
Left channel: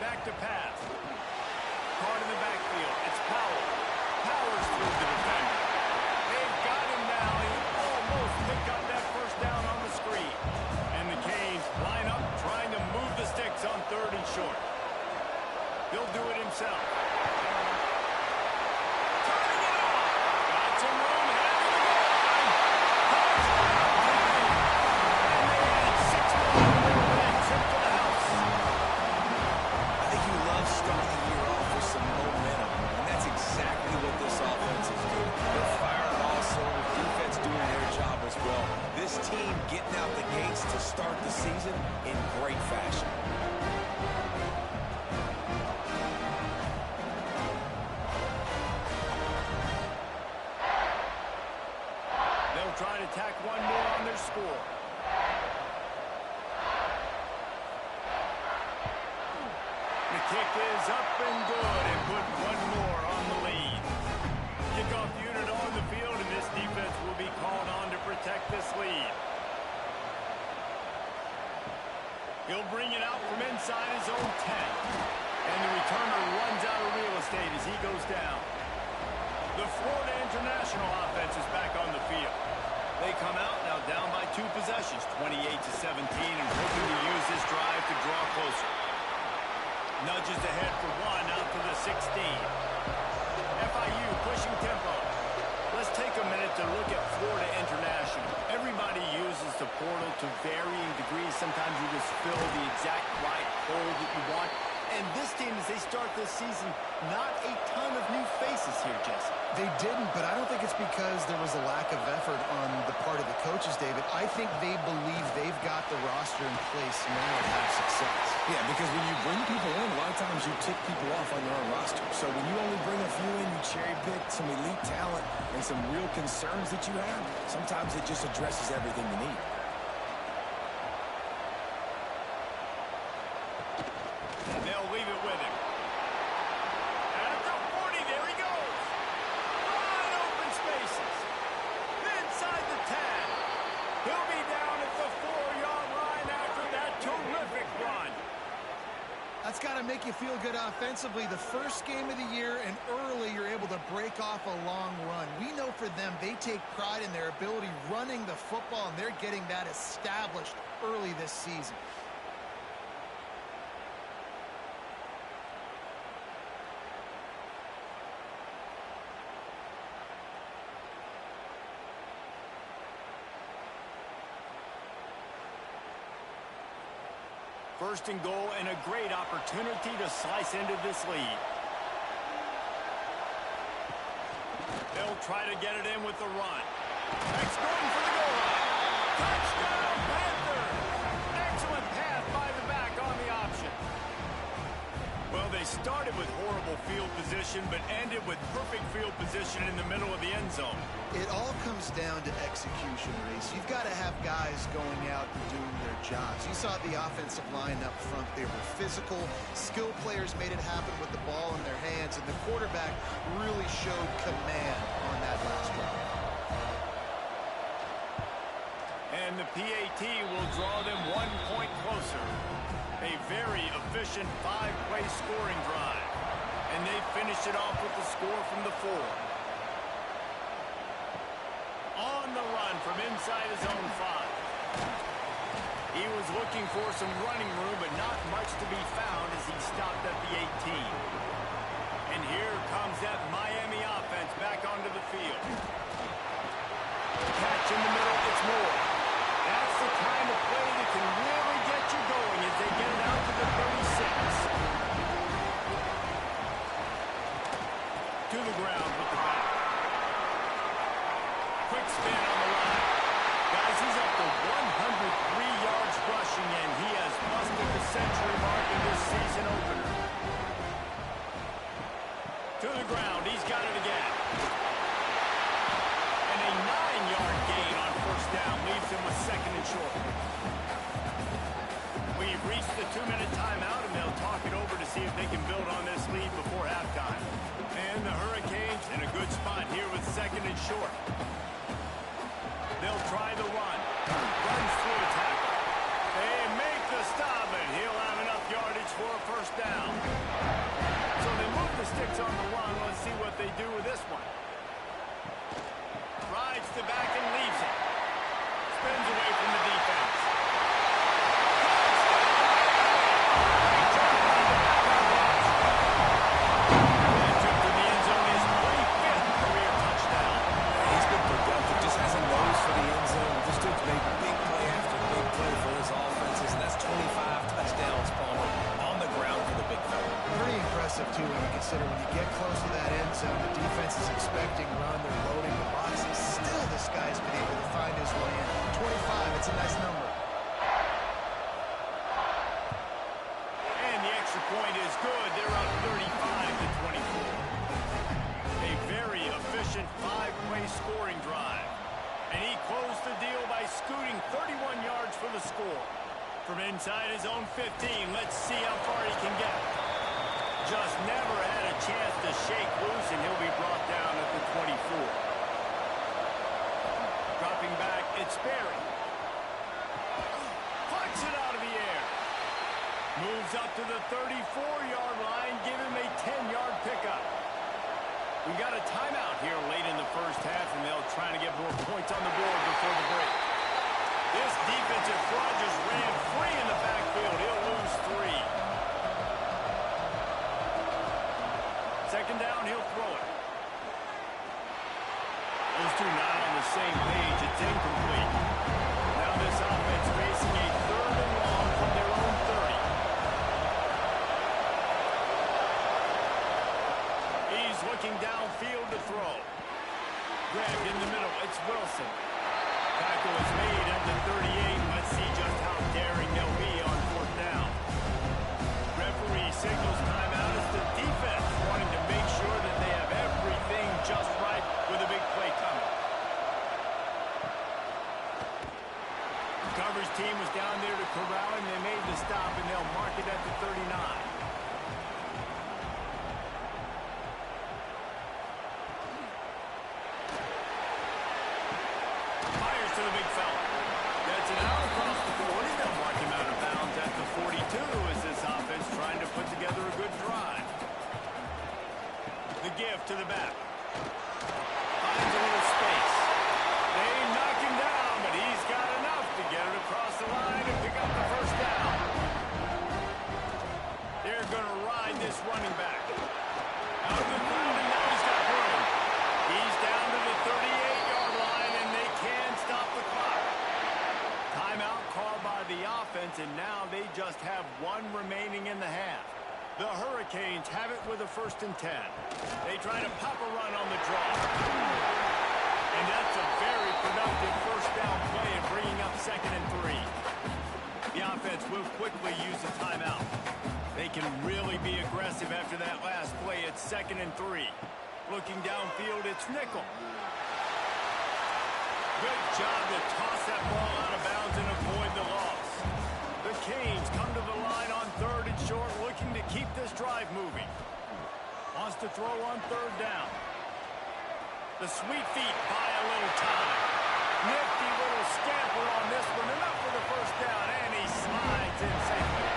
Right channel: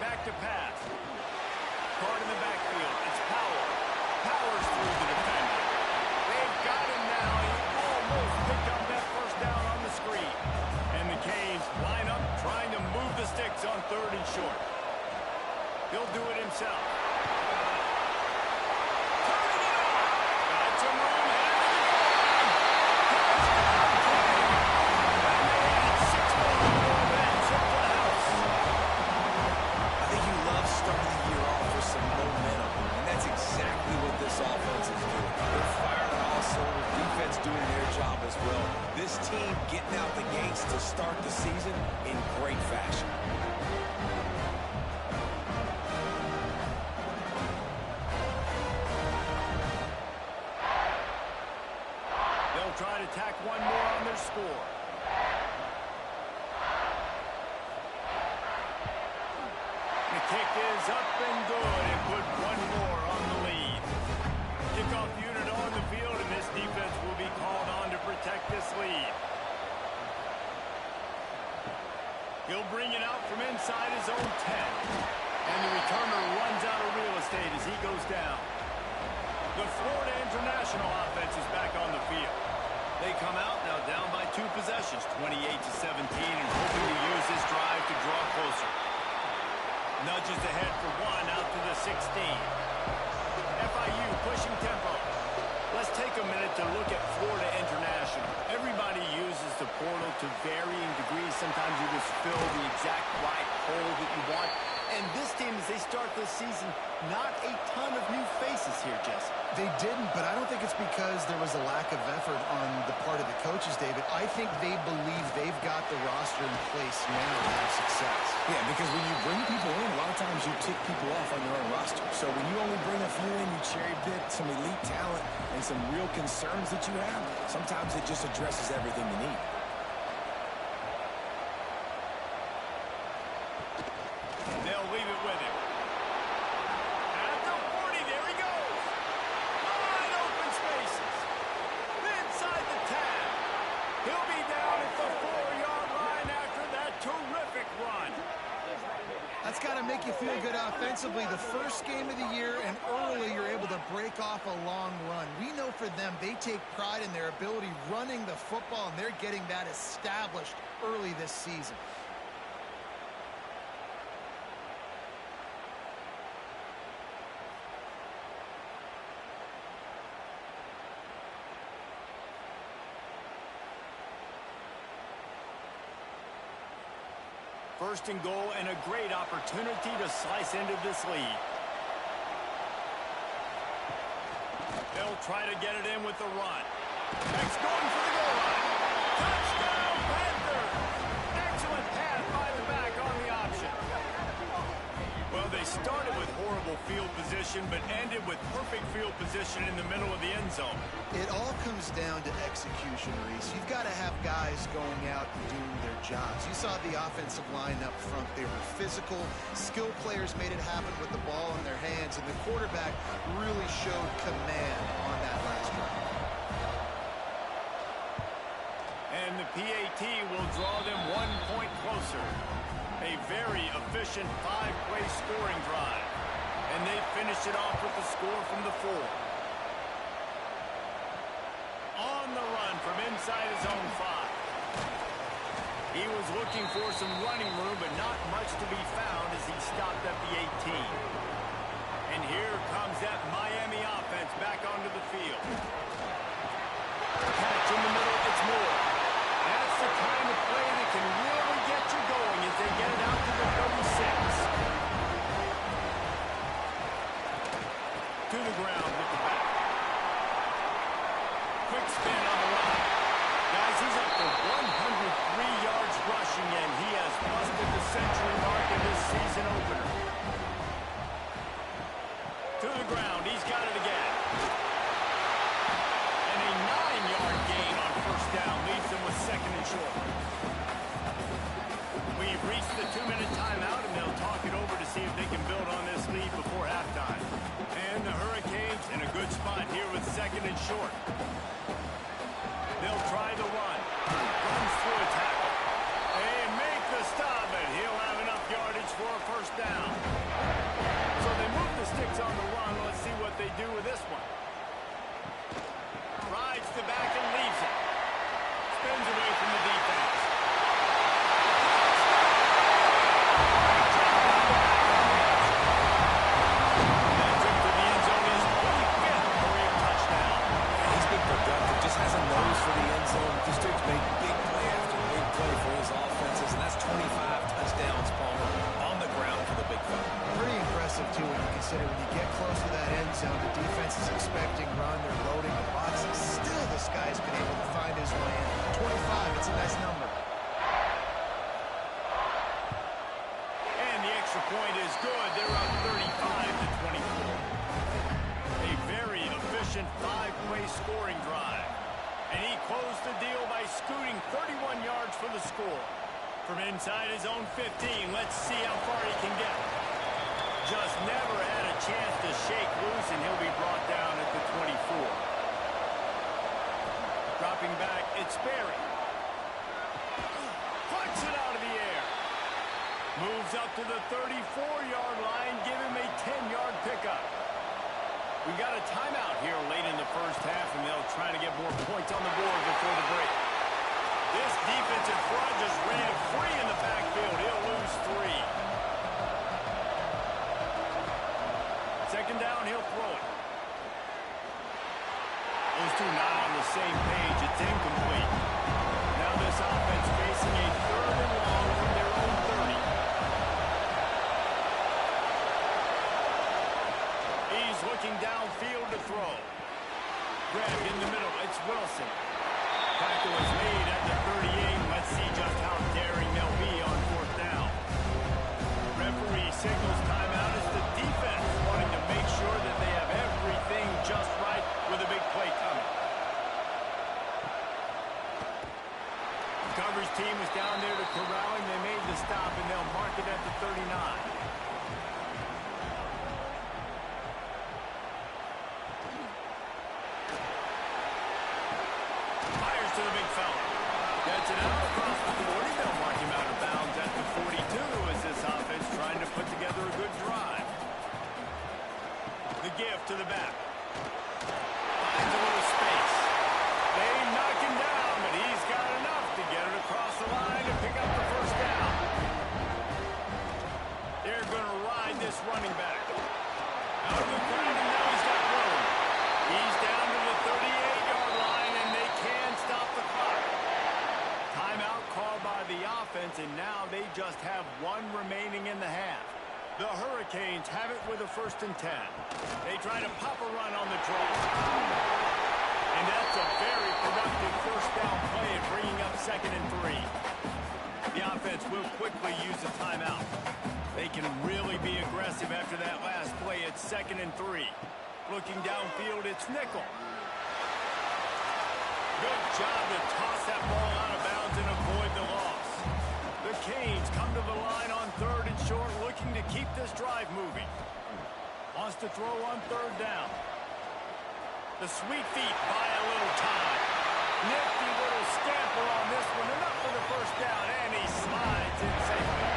Back to pass. Caught in the backfield. It's Powell. Powers through the defender. They've got him now. He almost picked up that first down on the screen. And the Canes line up trying to move the sticks on 3rd and short. He'll do it himself. Turning it on. Got some room. Headed to the goal line. Touchdown, Canes. And they add 6 more to the ball and trip to the house. I think you love starting the year off with some momentum, and that's exactly what this offense is doing. They're firing on all cylinders, defense doing their job as well. This team getting out the gates to start the season in great fashion. They'll try to tack one more on their score. The kick is up and good and put one more on the lead. Kickoff unit on the field, and this defense will be called on to protect this lead. He'll bring it out from inside his own 10. And the returner runs out of real estate as he goes down. The Florida International offense is back on the field. They come out now down by 2 possessions, 28-17, and hoping to use this drive to draw closer. Nudges ahead for 1 out to the 16. FIU pushing tempo. Let's take a minute to look at Florida International. Everybody uses the portal to varying degrees. Sometimes you just fill the exact right hole that you want. And this team, as they start this season, not a ton of new faces here, Jesse. They didn't, but I don't think it's because there was a lack of effort on the part of the coaches, David. I think they believe they've got the roster in place now to have success. Yeah, because when you bring people in, a lot of times you tick people off on your own roster. So when you only bring a few in, you cherry pick some elite talent and some real concerns that you have, sometimes it just addresses everything you need. They'll leave it with him. At the 40, there he goes. Wide open spaces. Inside the 10. He'll be down at the 4-yard line after that terrific run. That's got to make you feel good offensively. The first game of the year, and early you're able to break off a long run. We know for them, they take pride in their ability running the football, and they're getting that established early this season. First and goal, and a great opportunity to slice into this lead. They'll try to get it in with the run. Next going for the goal line. Touchdown, Panthers! Excellent pass by the back on the option. Well, they started with horrible field position, but ended with perfect field position in the middle of the end zone. It all comes down to execution, Reese. You've got to have guys going out and doing their jobs. You saw the offensive line up front. They were physical. Skilled players made it happen with the ball in their hands, and the quarterback really showed command on that last drive. And the PAT will draw them 1 point closer. A very efficient 5-play scoring drive. And they finish it off with the score from the 4. On the run from inside his own 5. He was looking for some running room, but not much to be found as he stopped at the 18. And here comes that Miami offense back onto the field. Catch in the middle, it's more. That's the kind of play that can really get you going as they get it out to the 36. To the ground with the back. Quick spin on the line. Guys, he's up to 103 yards rushing, and he has busted the century mark in this season opener. To the ground, he's got it again. And a 9-yard gain on first down leaves him with 2nd and short. We've reached the 2-minute timeout, and they'll talk it over to see if they can build on this lead before halftime. And the Hurricanes in a good spot here with 2nd and short. They'll try the run. Runs through a tackle. They make the stop, and he'll have enough yardage for a first down. So they move the sticks on the run. Let's see what they do with this one. Rides to back and leaves it. Spins away from the defense. Great job on the back on the option. That trip to the end zone is 25th career touchdown. He's been productive, just has a nose for the end zone. This dude's made big play after big play for his offenses, and that's 25 touchdowns, Palmer, on the ground for the big fella. Pretty impressive, too, when you consider when you get close to that end zone, the defense is expecting run, they're loading the boxes. Still, this guy's been able to find his way in. 25, it's a nice number. And the extra point is good. They're up 35-24. A very efficient 5-play scoring drive. And he closed the deal by scooting 31 yards for the score. From inside his own 15, let's see how far he can get. Just never had a chance to shake loose, and he'll be brought down at the 24. Dropping back, it's Berry. Plucks it out of the air. Moves up to the 34-yard line, give him a 10-yard pickup. We got a timeout here late in the first half, and they'll try to get more points on the board before the break. This defensive front just ran free in the backfield. He'll lose 3. Second down, he'll throw it. Those two not on the same page. It's incomplete. Now this offense facing a 3rd and long from their own 30. He's looking downfield to throw. Grabbed in the middle. It's Wilson. Tackle is made at the 38. Let's see just how daring they'll be on 4th down. Referee signals timeout as the defense wanting to make sure that they have everything just right with a big play coming. The coverage team was down there to corral him. They made the stop, and they'll mark it at the 39. To the big fella. Gets it out across the 40. They'll mark him out of bounds at the 42 as this offense trying to put together a good drive. The give to the back. Finds a little space. They knock him down, but he's got enough to get it across the line and pick up the first down. They're going to ride this running back. Out of the crowd, and now he's got room. He's down to the 38-yard line, and they can stop the clock. Timeout called by the offense, and now they just have 1 remaining in the half. The Hurricanes have it with a 1st and 10. They try to pop a run on the draw. And that's a very productive first down play and bringing up 2nd and 3. The offense will quickly use a timeout. They can really be aggressive after that last play. It's 2nd and 3. Looking downfield, it's Nickel. Good job to toss that ball out of bounds and avoid the loss. The Canes come to the line on 3rd and short, looking to keep this drive moving. Wants to throw on 3rd down. The sweet feet buy a little time. Nifty little scamper on this one. Enough for the first down, and he slides in safely.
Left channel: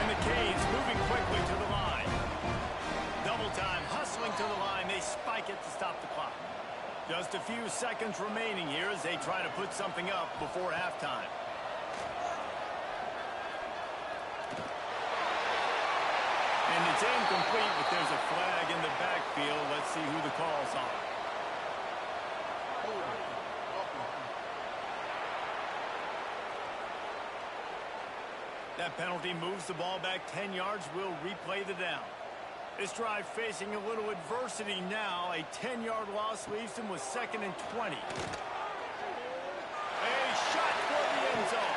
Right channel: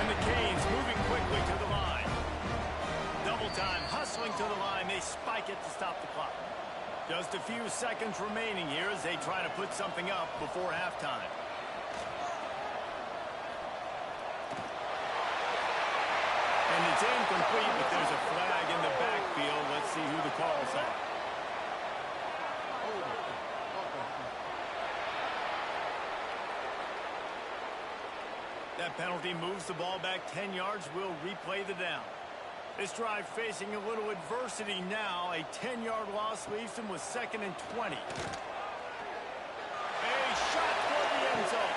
And the Canes moving quickly to the line. Double time, hustling to the line. They spike it to stop the clock. Just a few seconds remaining here as they try to put something up before halftime. And it's incomplete, but there's a flag in the backfield. Let's see who the call's on. That penalty moves the ball back 10 yards. We'll replay the down. This drive facing a little adversity now. A 10-yard loss leaves them with 2nd and 20. A shot for the end zone.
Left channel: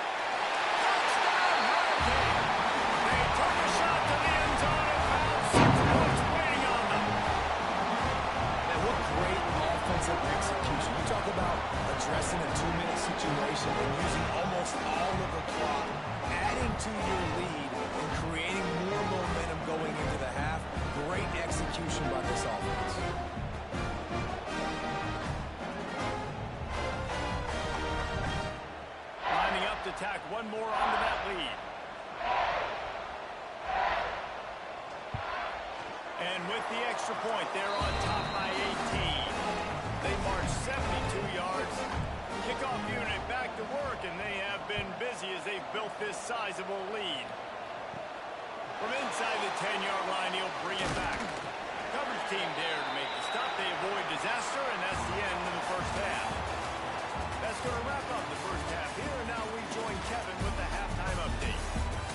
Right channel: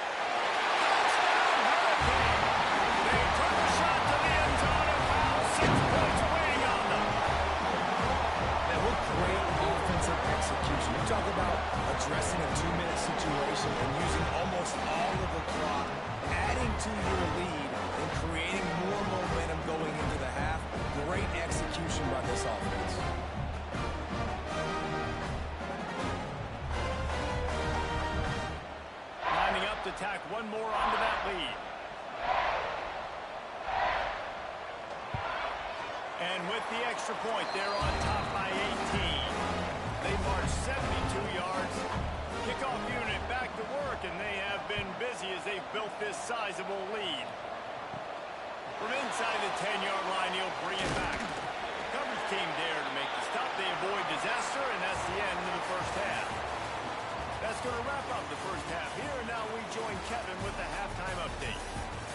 Touchdown, Hurricane! They took a shot to the end zone and found 6 points waiting on them. Man, what great offensive execution. You talk about addressing a 2-minute situation and using almost all of the clock, adding to your lead and creating more momentum going into the half. Great execution by this offense. Lining up to tack one more onto that lead. And with the extra point, they're on top by 18. They march 72 yards. Kickoff unit back to work, and they have been busy as they've built this sizable lead. From inside the 10-yard line, he'll bring it back. Coverage team there to make the stop. They avoid disaster, and that's the end of the first half. That's going to wrap up the first half here, and now we join Kevin with the halftime update.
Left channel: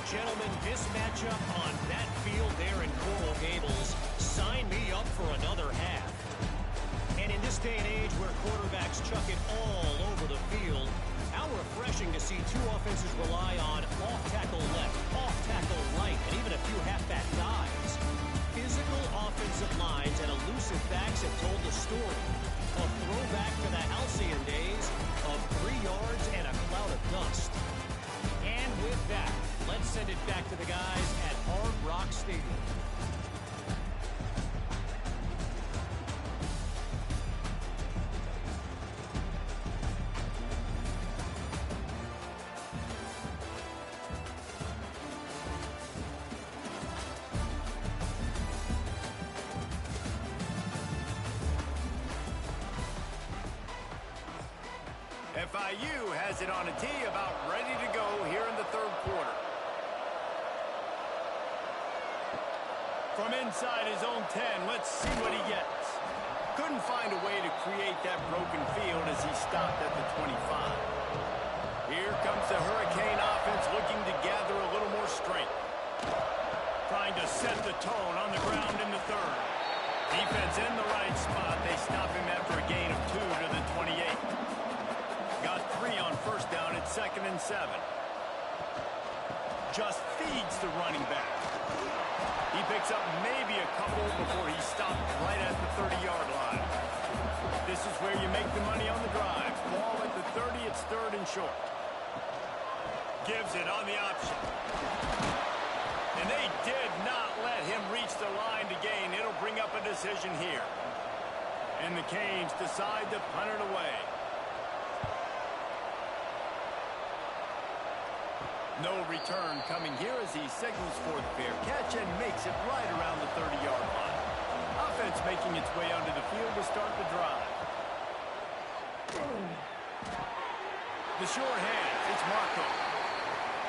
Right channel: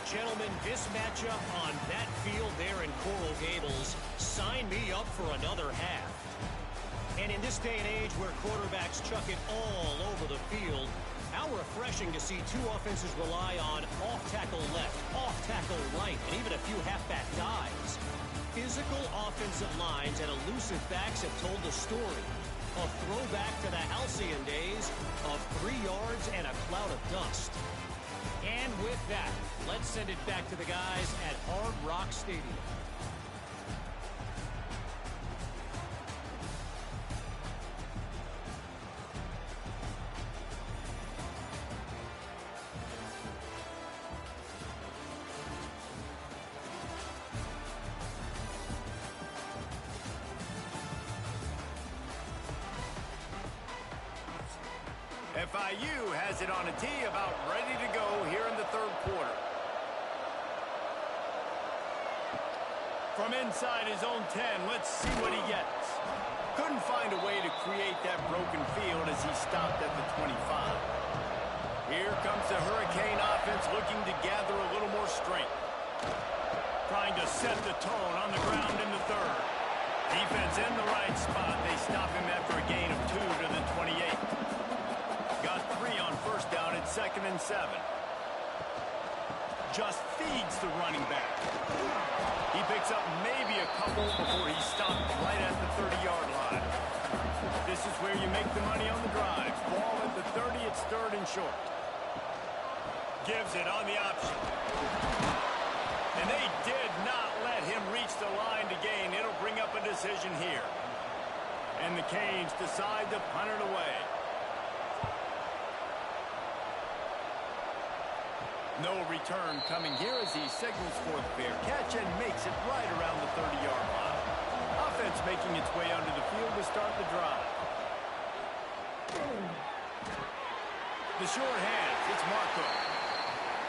Gentlemen, this matchup on that field there in Coral Gables, sign me up for another half. And in this day and age where quarterbacks chuck it all over the field, how refreshing to see two offenses rely on off-tackle left, off-tackle right, and even a few halfback dives. Physical offensive lines and elusive backs have told the story. A throwback to the halcyon days of 3 yards and a cloud of dust. And with that, let's send it back to the guys at Hard Rock Stadium. FIU has it on a tee, about ready to go here in the third quarter. From inside his own 10, let's see what he gets. Couldn't find a way to create that broken field as he stopped at the 25. Here comes the Hurricane offense looking to gather a little more strength. Trying to set the tone on the ground in the third. Defense in the right spot. They stop him after a gain of 2 to the 28. Got 3 on first down at 2nd and 7. Just feeds the running back. He picks up maybe a couple before he stopped right at the 30-yard line. This is where you make the money on the drive. Ball at the 30, it's 3rd and short. Gives it on the option. And they did not let him reach the line to gain. It'll bring up a decision here. And the Canes decide to punt it away. No return coming here as he signals for the fair catch and makes it right around the 30-yard line. Offense making its way onto the field to start the drive. The short hands, it's Marco.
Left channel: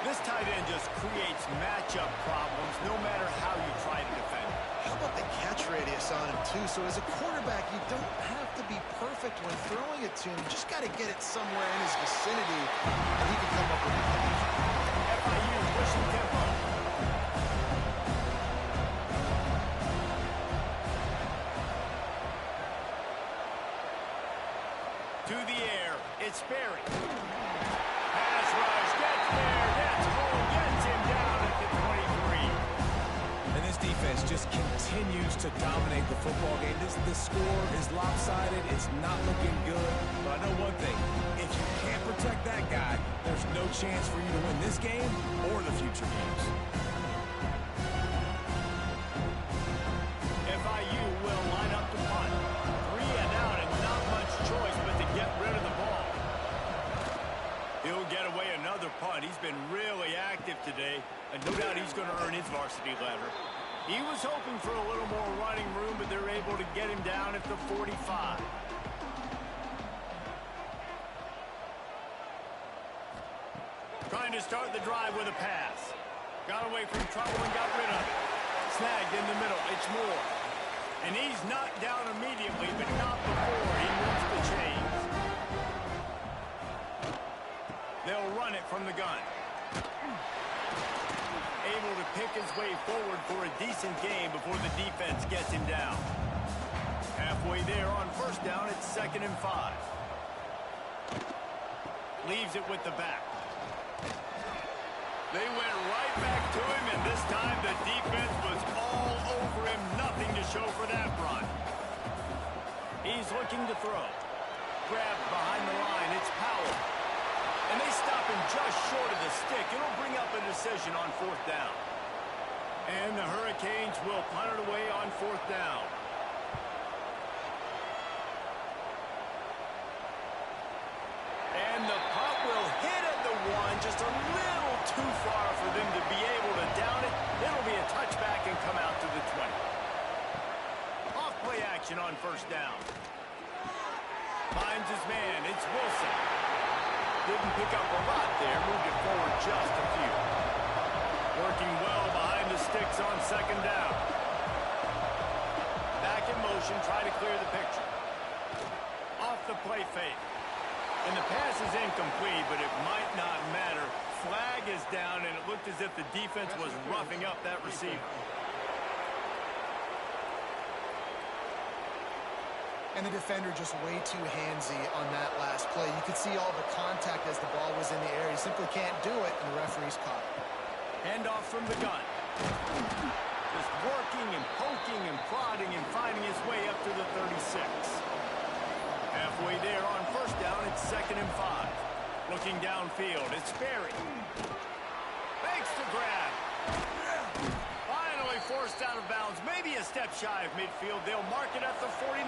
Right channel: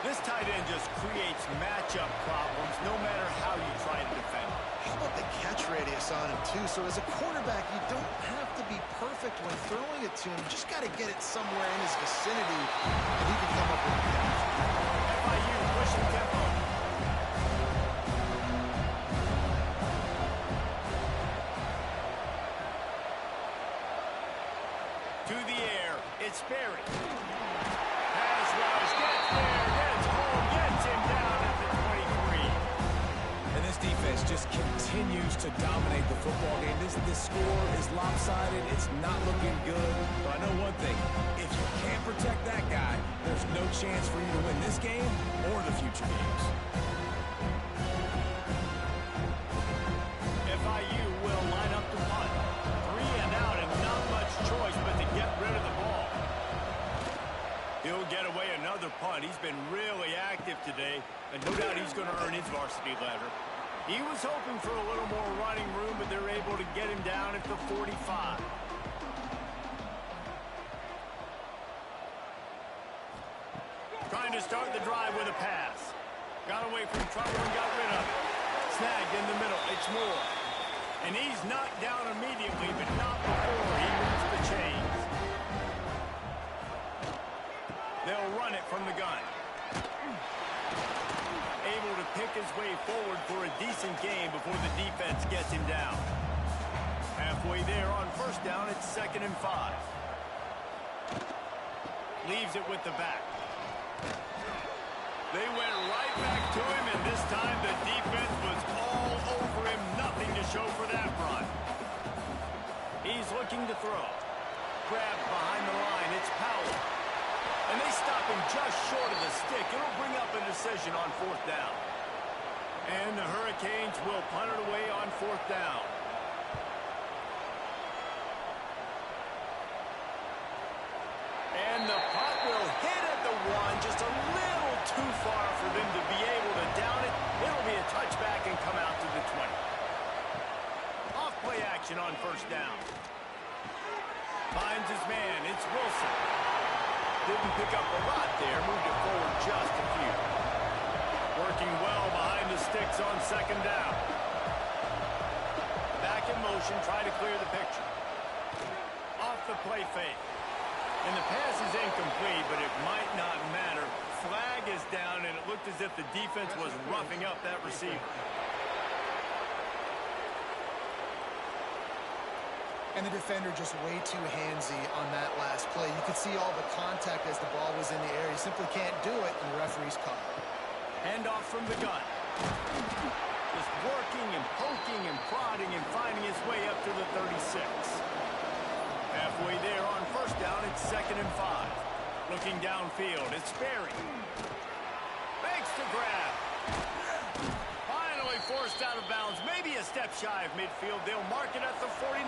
This tight end just creates matchup problems no matter how you try to defend. How about the catch radius on him, too? So as a quarterback, you don't have to be perfect when throwing it to him. You just got to get it somewhere in his vicinity, and he can come up with the catch. FIU pushing tempo. To the air, it's Berry. Pass rush, gets there, gets home, gets him down at the 23. And this defense just continues to dominate the football game. This score is lopsided. It's not looking good. But I know one thing. If you can't protect that guy, there's no chance for you to win this game or the future games. FIU will line up to punt. 3 and out and not much choice but to get rid of the ball. He'll get away another punt. He's been really active today, and no doubt he's going to earn his varsity letter. He was hoping for a little more running room, but they're able to get him down at the 45. Trying to start the drive with a pass. Got away from trouble and got rid of it. Snagged in the middle. It's Moore. And he's knocked down immediately, but not before he moves the chains. They'll run it from the gun. Able to pick his way forward for a decent game before the defense gets him down. Halfway there on first down, it's 2nd and 5. Leaves it with the back. They went right back to him, and this time the defense was all over him. Nothing to show for that run. He's looking to throw. Grabbed behind the line. It's Powell. And they stop him just short of the stick. It'll bring up a decision on 4th down. And the Hurricanes will punt it away on 4th down. And the punt will hit at the 1, just a little too far for them to be able to down it. It'll be a touchback and come out to the 20. Off play action on 1st down. Finds his man. It's Wilson. Didn't pick up a lot there. Moved it forward just a few. Working well behind the sticks on 2nd down. Back in motion. Try to clear the picture. Off the play fake. And the pass is incomplete, but it might not matter. Flag is down, and it looked as if the defense was roughing up that receiver. And the defender just way too handsy on that last play. You could see all the contact as the ball was in the air. He simply can't do it, and the referee's caught it. Handoff from the gun. Just working and poking and prodding and finding his way up to the 36. Halfway there on 1st down, it's 2nd and 5. Looking downfield, it's Berry. Makes the grab. Finally forced out of bounds, maybe a step shy of midfield. They'll mark it at the 49.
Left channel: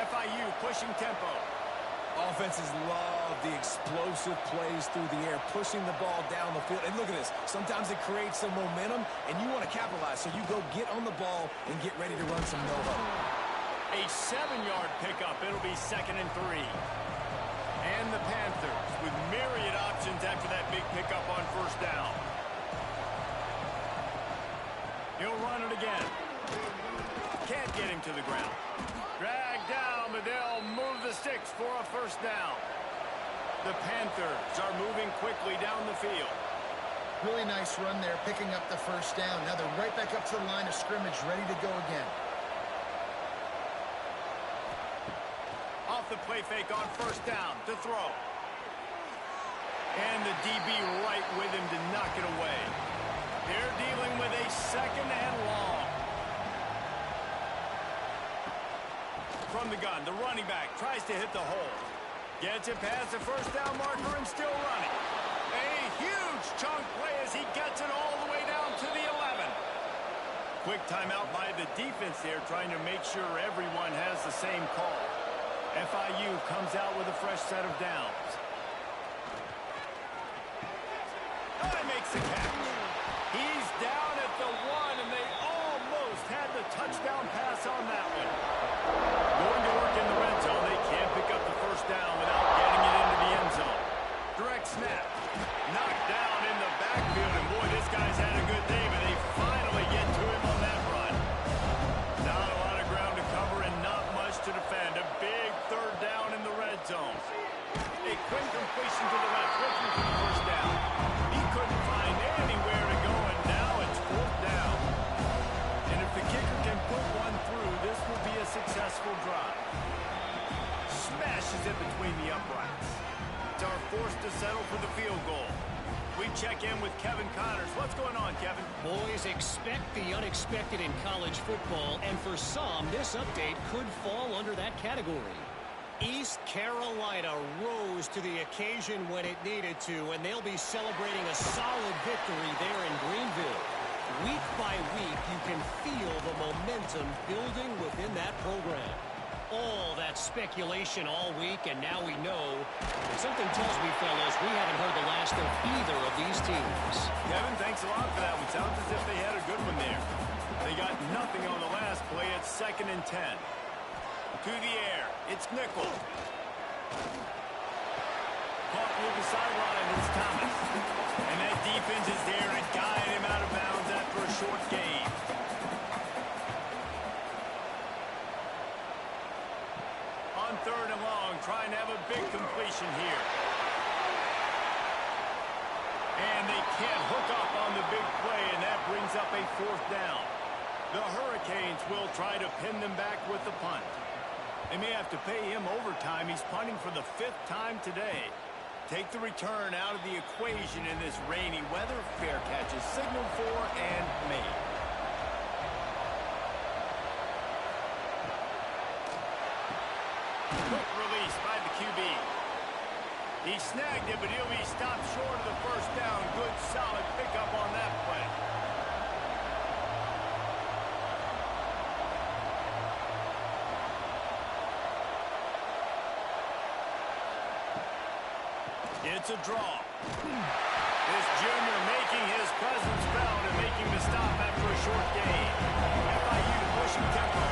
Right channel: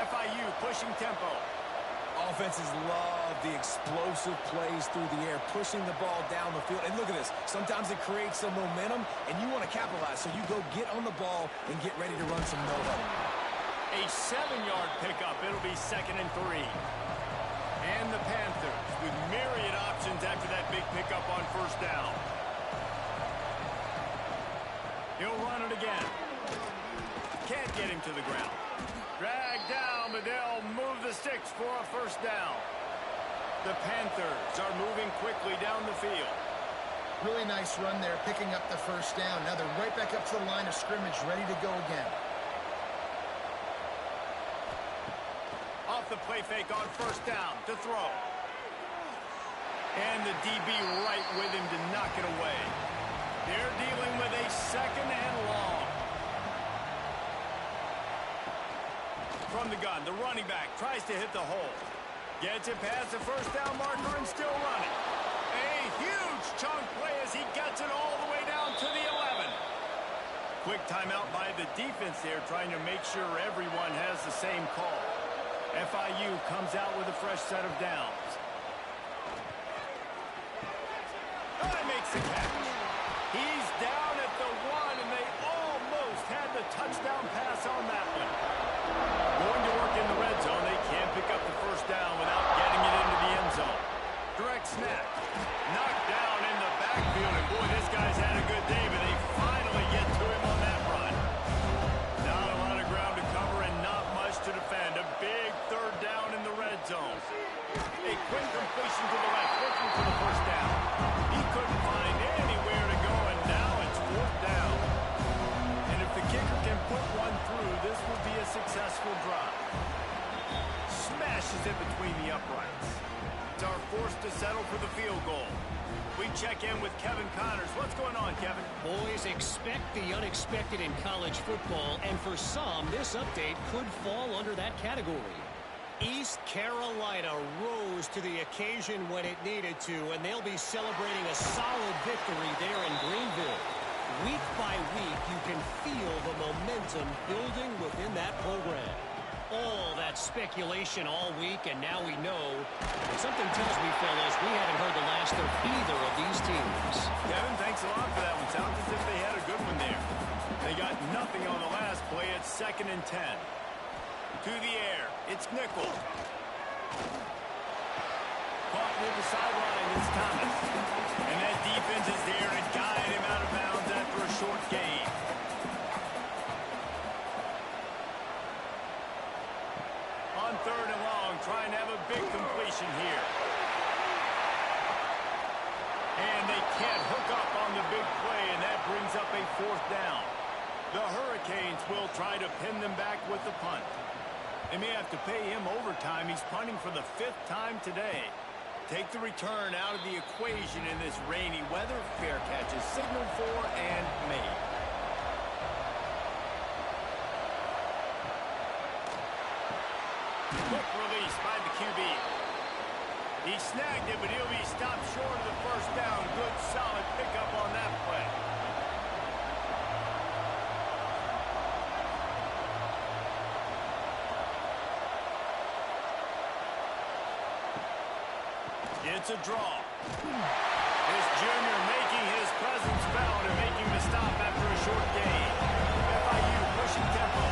FIU pushing tempo. Offenses love the explosive plays through the air, pushing the ball down the field. And look at this. Sometimes it creates some momentum, and you want to capitalize. So you go get on the ball and get ready to run some no-huddle. A 7-yard pickup. It'll be 2nd and 3. And the Panthers with myriad options after that big pickup on 1st down. He'll run it again. Can't get him to the ground. Dragged down, but they'll move the sticks for a 1st down. The Panthers are moving quickly down the field. Really nice run there, picking up the 1st down. Now they're right back up to the line of scrimmage, ready to go again. Off the play fake on 1st down to throw. And the DB right with him to knock it away. They're dealing with a 2nd and long. From the gun, the running back tries to hit the hole. Gets it past the 1st down marker and still running. A huge chunk play as he gets it all the way down to the 11. Quick timeout by the defense there, trying to make sure everyone has the same call. FIU comes out with a fresh set of downs. Oh, he makes the catch. He's down at the 1, and they almost had the touchdown pass on that one. Going to work in the red zone. They can't pick up the 1st down without getting it into the end zone. Direct snap. Knocked down in the backfield, and boy, this guy's had a good day, but they finally get to him on that run. Not a lot of ground to cover and not much to defend. A big 3rd down in the red zone. A quick completion to the left, looking for the 1st down. He couldn't find anywhere to go, and now it's 4th down. And if the kicker can put one through, this will be a successful drive. Smashes it between the uprights. It's our forced to settle for the field goal. We check in with Kevin Connors. What's going on, Kevin? Boys, expect the unexpected in college football, and for some, this update could fall under that category. East Carolina rose to the occasion when it needed to, and they'll be celebrating a solid victory there in Greenville. Week by week, you can feel the momentum building within that program. All that speculation all week, and now we know. And something tells me, fellas, we haven't heard the last of either of these teams. Kevin, thanks a lot for that one. Sounds as if they had a good one there. They got nothing on the last play. It's 2nd and 10. To the air. It's Nickel. Caught near the sideline. It's Thomas. And that defense is there to guide him out of bounds after a short gain. On 3rd and long, trying to have a big completion here. And they can't hook up on the big play, and that brings up a 4th down. The Hurricanes will try to pin them back with the punt. They may have to pay him overtime. He's punting for the 5th time today. Take the return out of the equation in this rainy weather. Fair catch is signaled for and made. Quick release by the QB. He snagged it, but he'll be stopped short of the 1st down. Good, solid pickup on that play. It's a draw. This junior making his presence felt and making the stop after a short gain. FIU pushing tempo.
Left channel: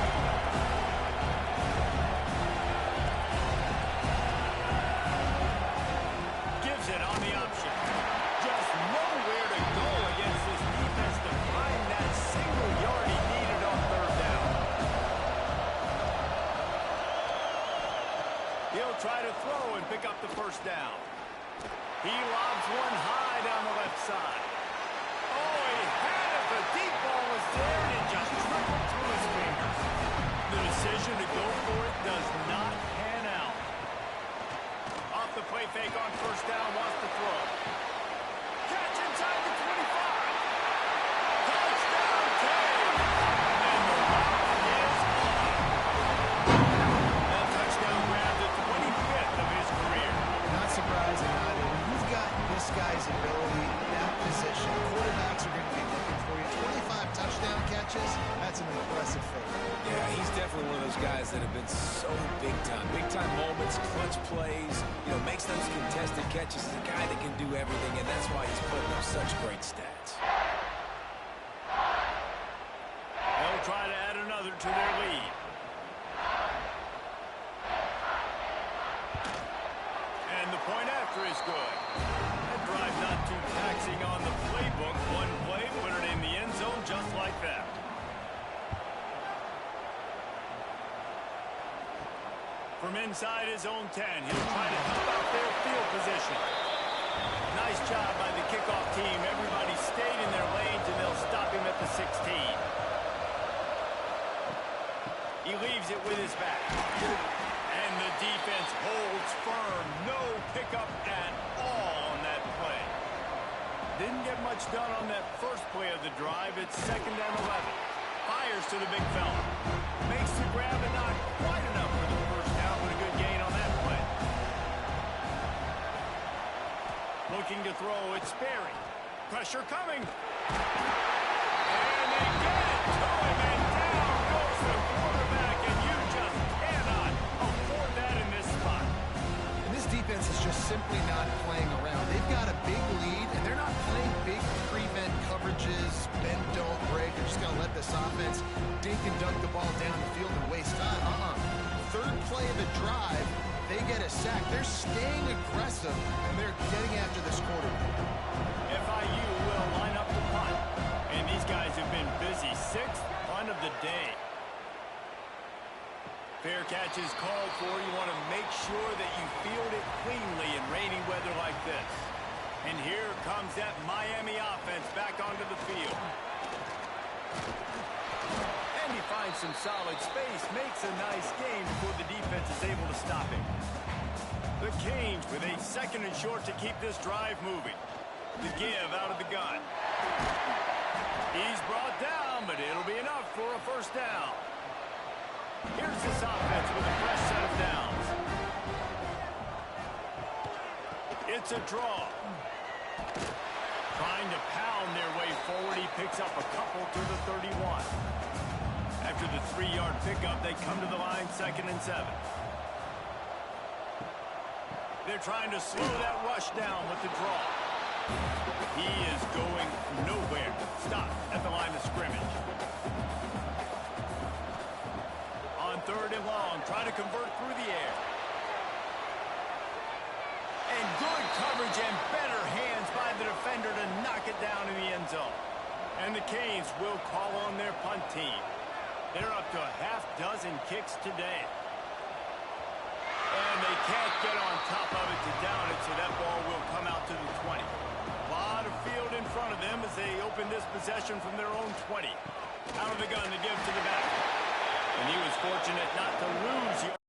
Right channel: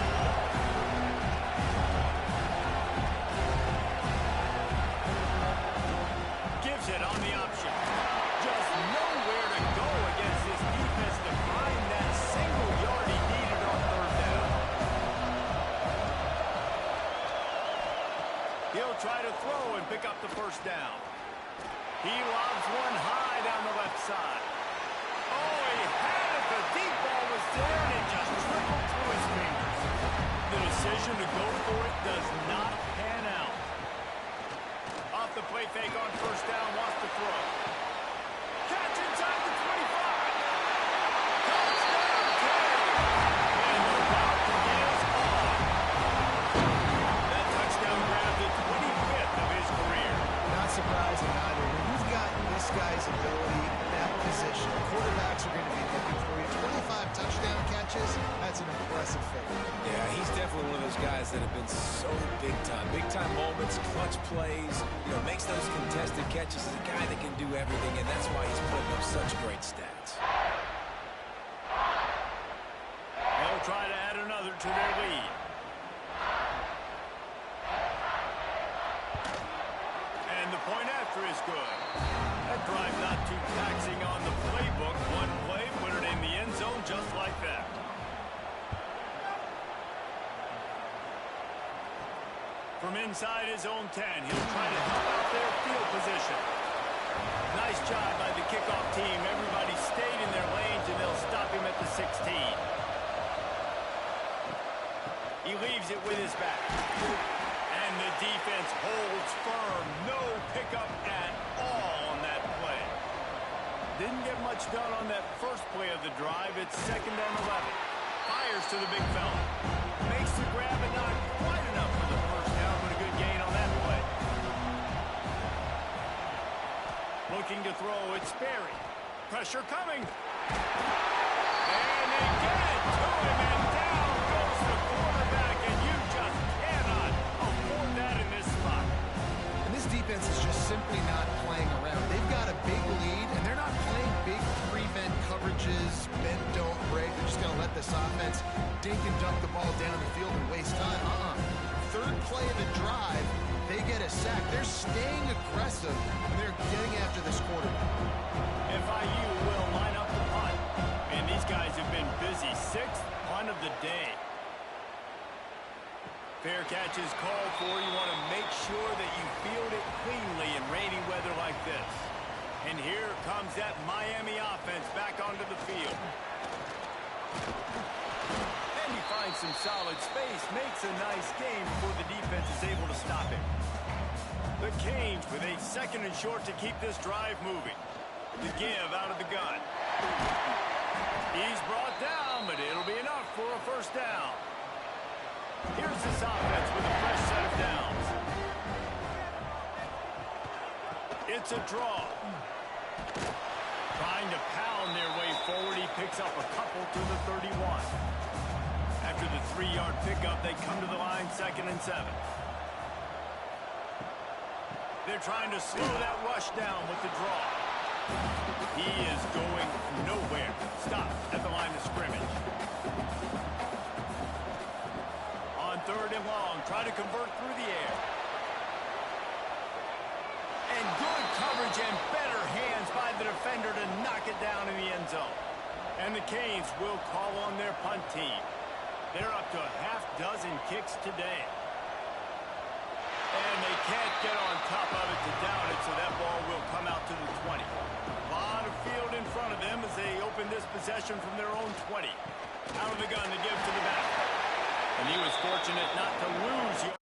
Gives it on the option. Just nowhere to go against this defense to find that single yard he needed on 3rd down. He'll try to throw and pick up the 1st down. He lobs one high down the left side. Oh, he had it. The deep ball was there, and it just trickled through his fingers. The decision to go for it does not pan out. Off the play fake on 1st down, wants to throw. Catch inside the 25. Touchdown, King. And the route is on. That touchdown grabbed the 25th of his career. Not surprising either. When you've got this guy's ability, that position, quarterbacks are going to be looking for you. 25 touchdown catches, that's an impressive figure. Yeah, he's definitely one of those guys that have been so big time. Big time moments, clutch plays, makes those contested catches. He's a guy that can do everything, and that's why he's putting up such great stats. They'll try to add another to their lead. And the point after is good. That drive not too taxing on the playbook. One play, put it in the end zone just like that. From inside his own 10, he'll try to help out their field position. Nice job by the kickoff team. Everybody stayed in their lanes, and they'll stop him at the 16. He leaves it with his back. And the defense holds firm. No pickup at all on that play. Didn't get much done on that first play of the drive. It's 2nd and 11. Fires to the big fella. Makes the grab, but not quite enough for the 1st down, but a good gain on that play. Looking to throw, it's Sperry. Pressure coming. And they get it to him, and down goes the quarterback, and you just cannot afford that in this spot. And this defense is just simply not playing around. They've got a big lead, and they're not playing big prevent coverages, bend, don't break. They're just going to let this offense dink and dunk the ball down the field and waste time. 3rd play of the drive, they get a sack. They're staying aggressive, and they're getting after this quarterback. FIU will line up the punt. And these guys have been busy. 6th punt of the day. Fair catch is called for. You want to make sure that you field it cleanly in rainy weather like this. And here comes that Miami offense back onto the field. And he finds some solid space, makes a nice game before the defense is able to stop him. The Canes with a 2nd and short to keep this drive moving. The give out of the gun. He's brought down, but it'll be enough for a 1st down. Here's this offense with a fresh set of downs. It's a draw. Trying to pound their way forward. He picks up a couple to the 31. After the 3-yard pickup, they come to the line 2nd and 7. They're trying to slow that rush down with the draw. He is going nowhere. Stop at the line of scrimmage. On 3rd and long, try to convert through the air. And good coverage and better hands by the defender to knock it down in the end zone. And the Canes will call on their punt team. They're up to a half-dozen kicks today. And they can't get on top of it to down it, so that ball will come out to the 20. A lot of field in front of them as they open this possession from their own 20. Out of the gun to give to the back. And he was fortunate not to lose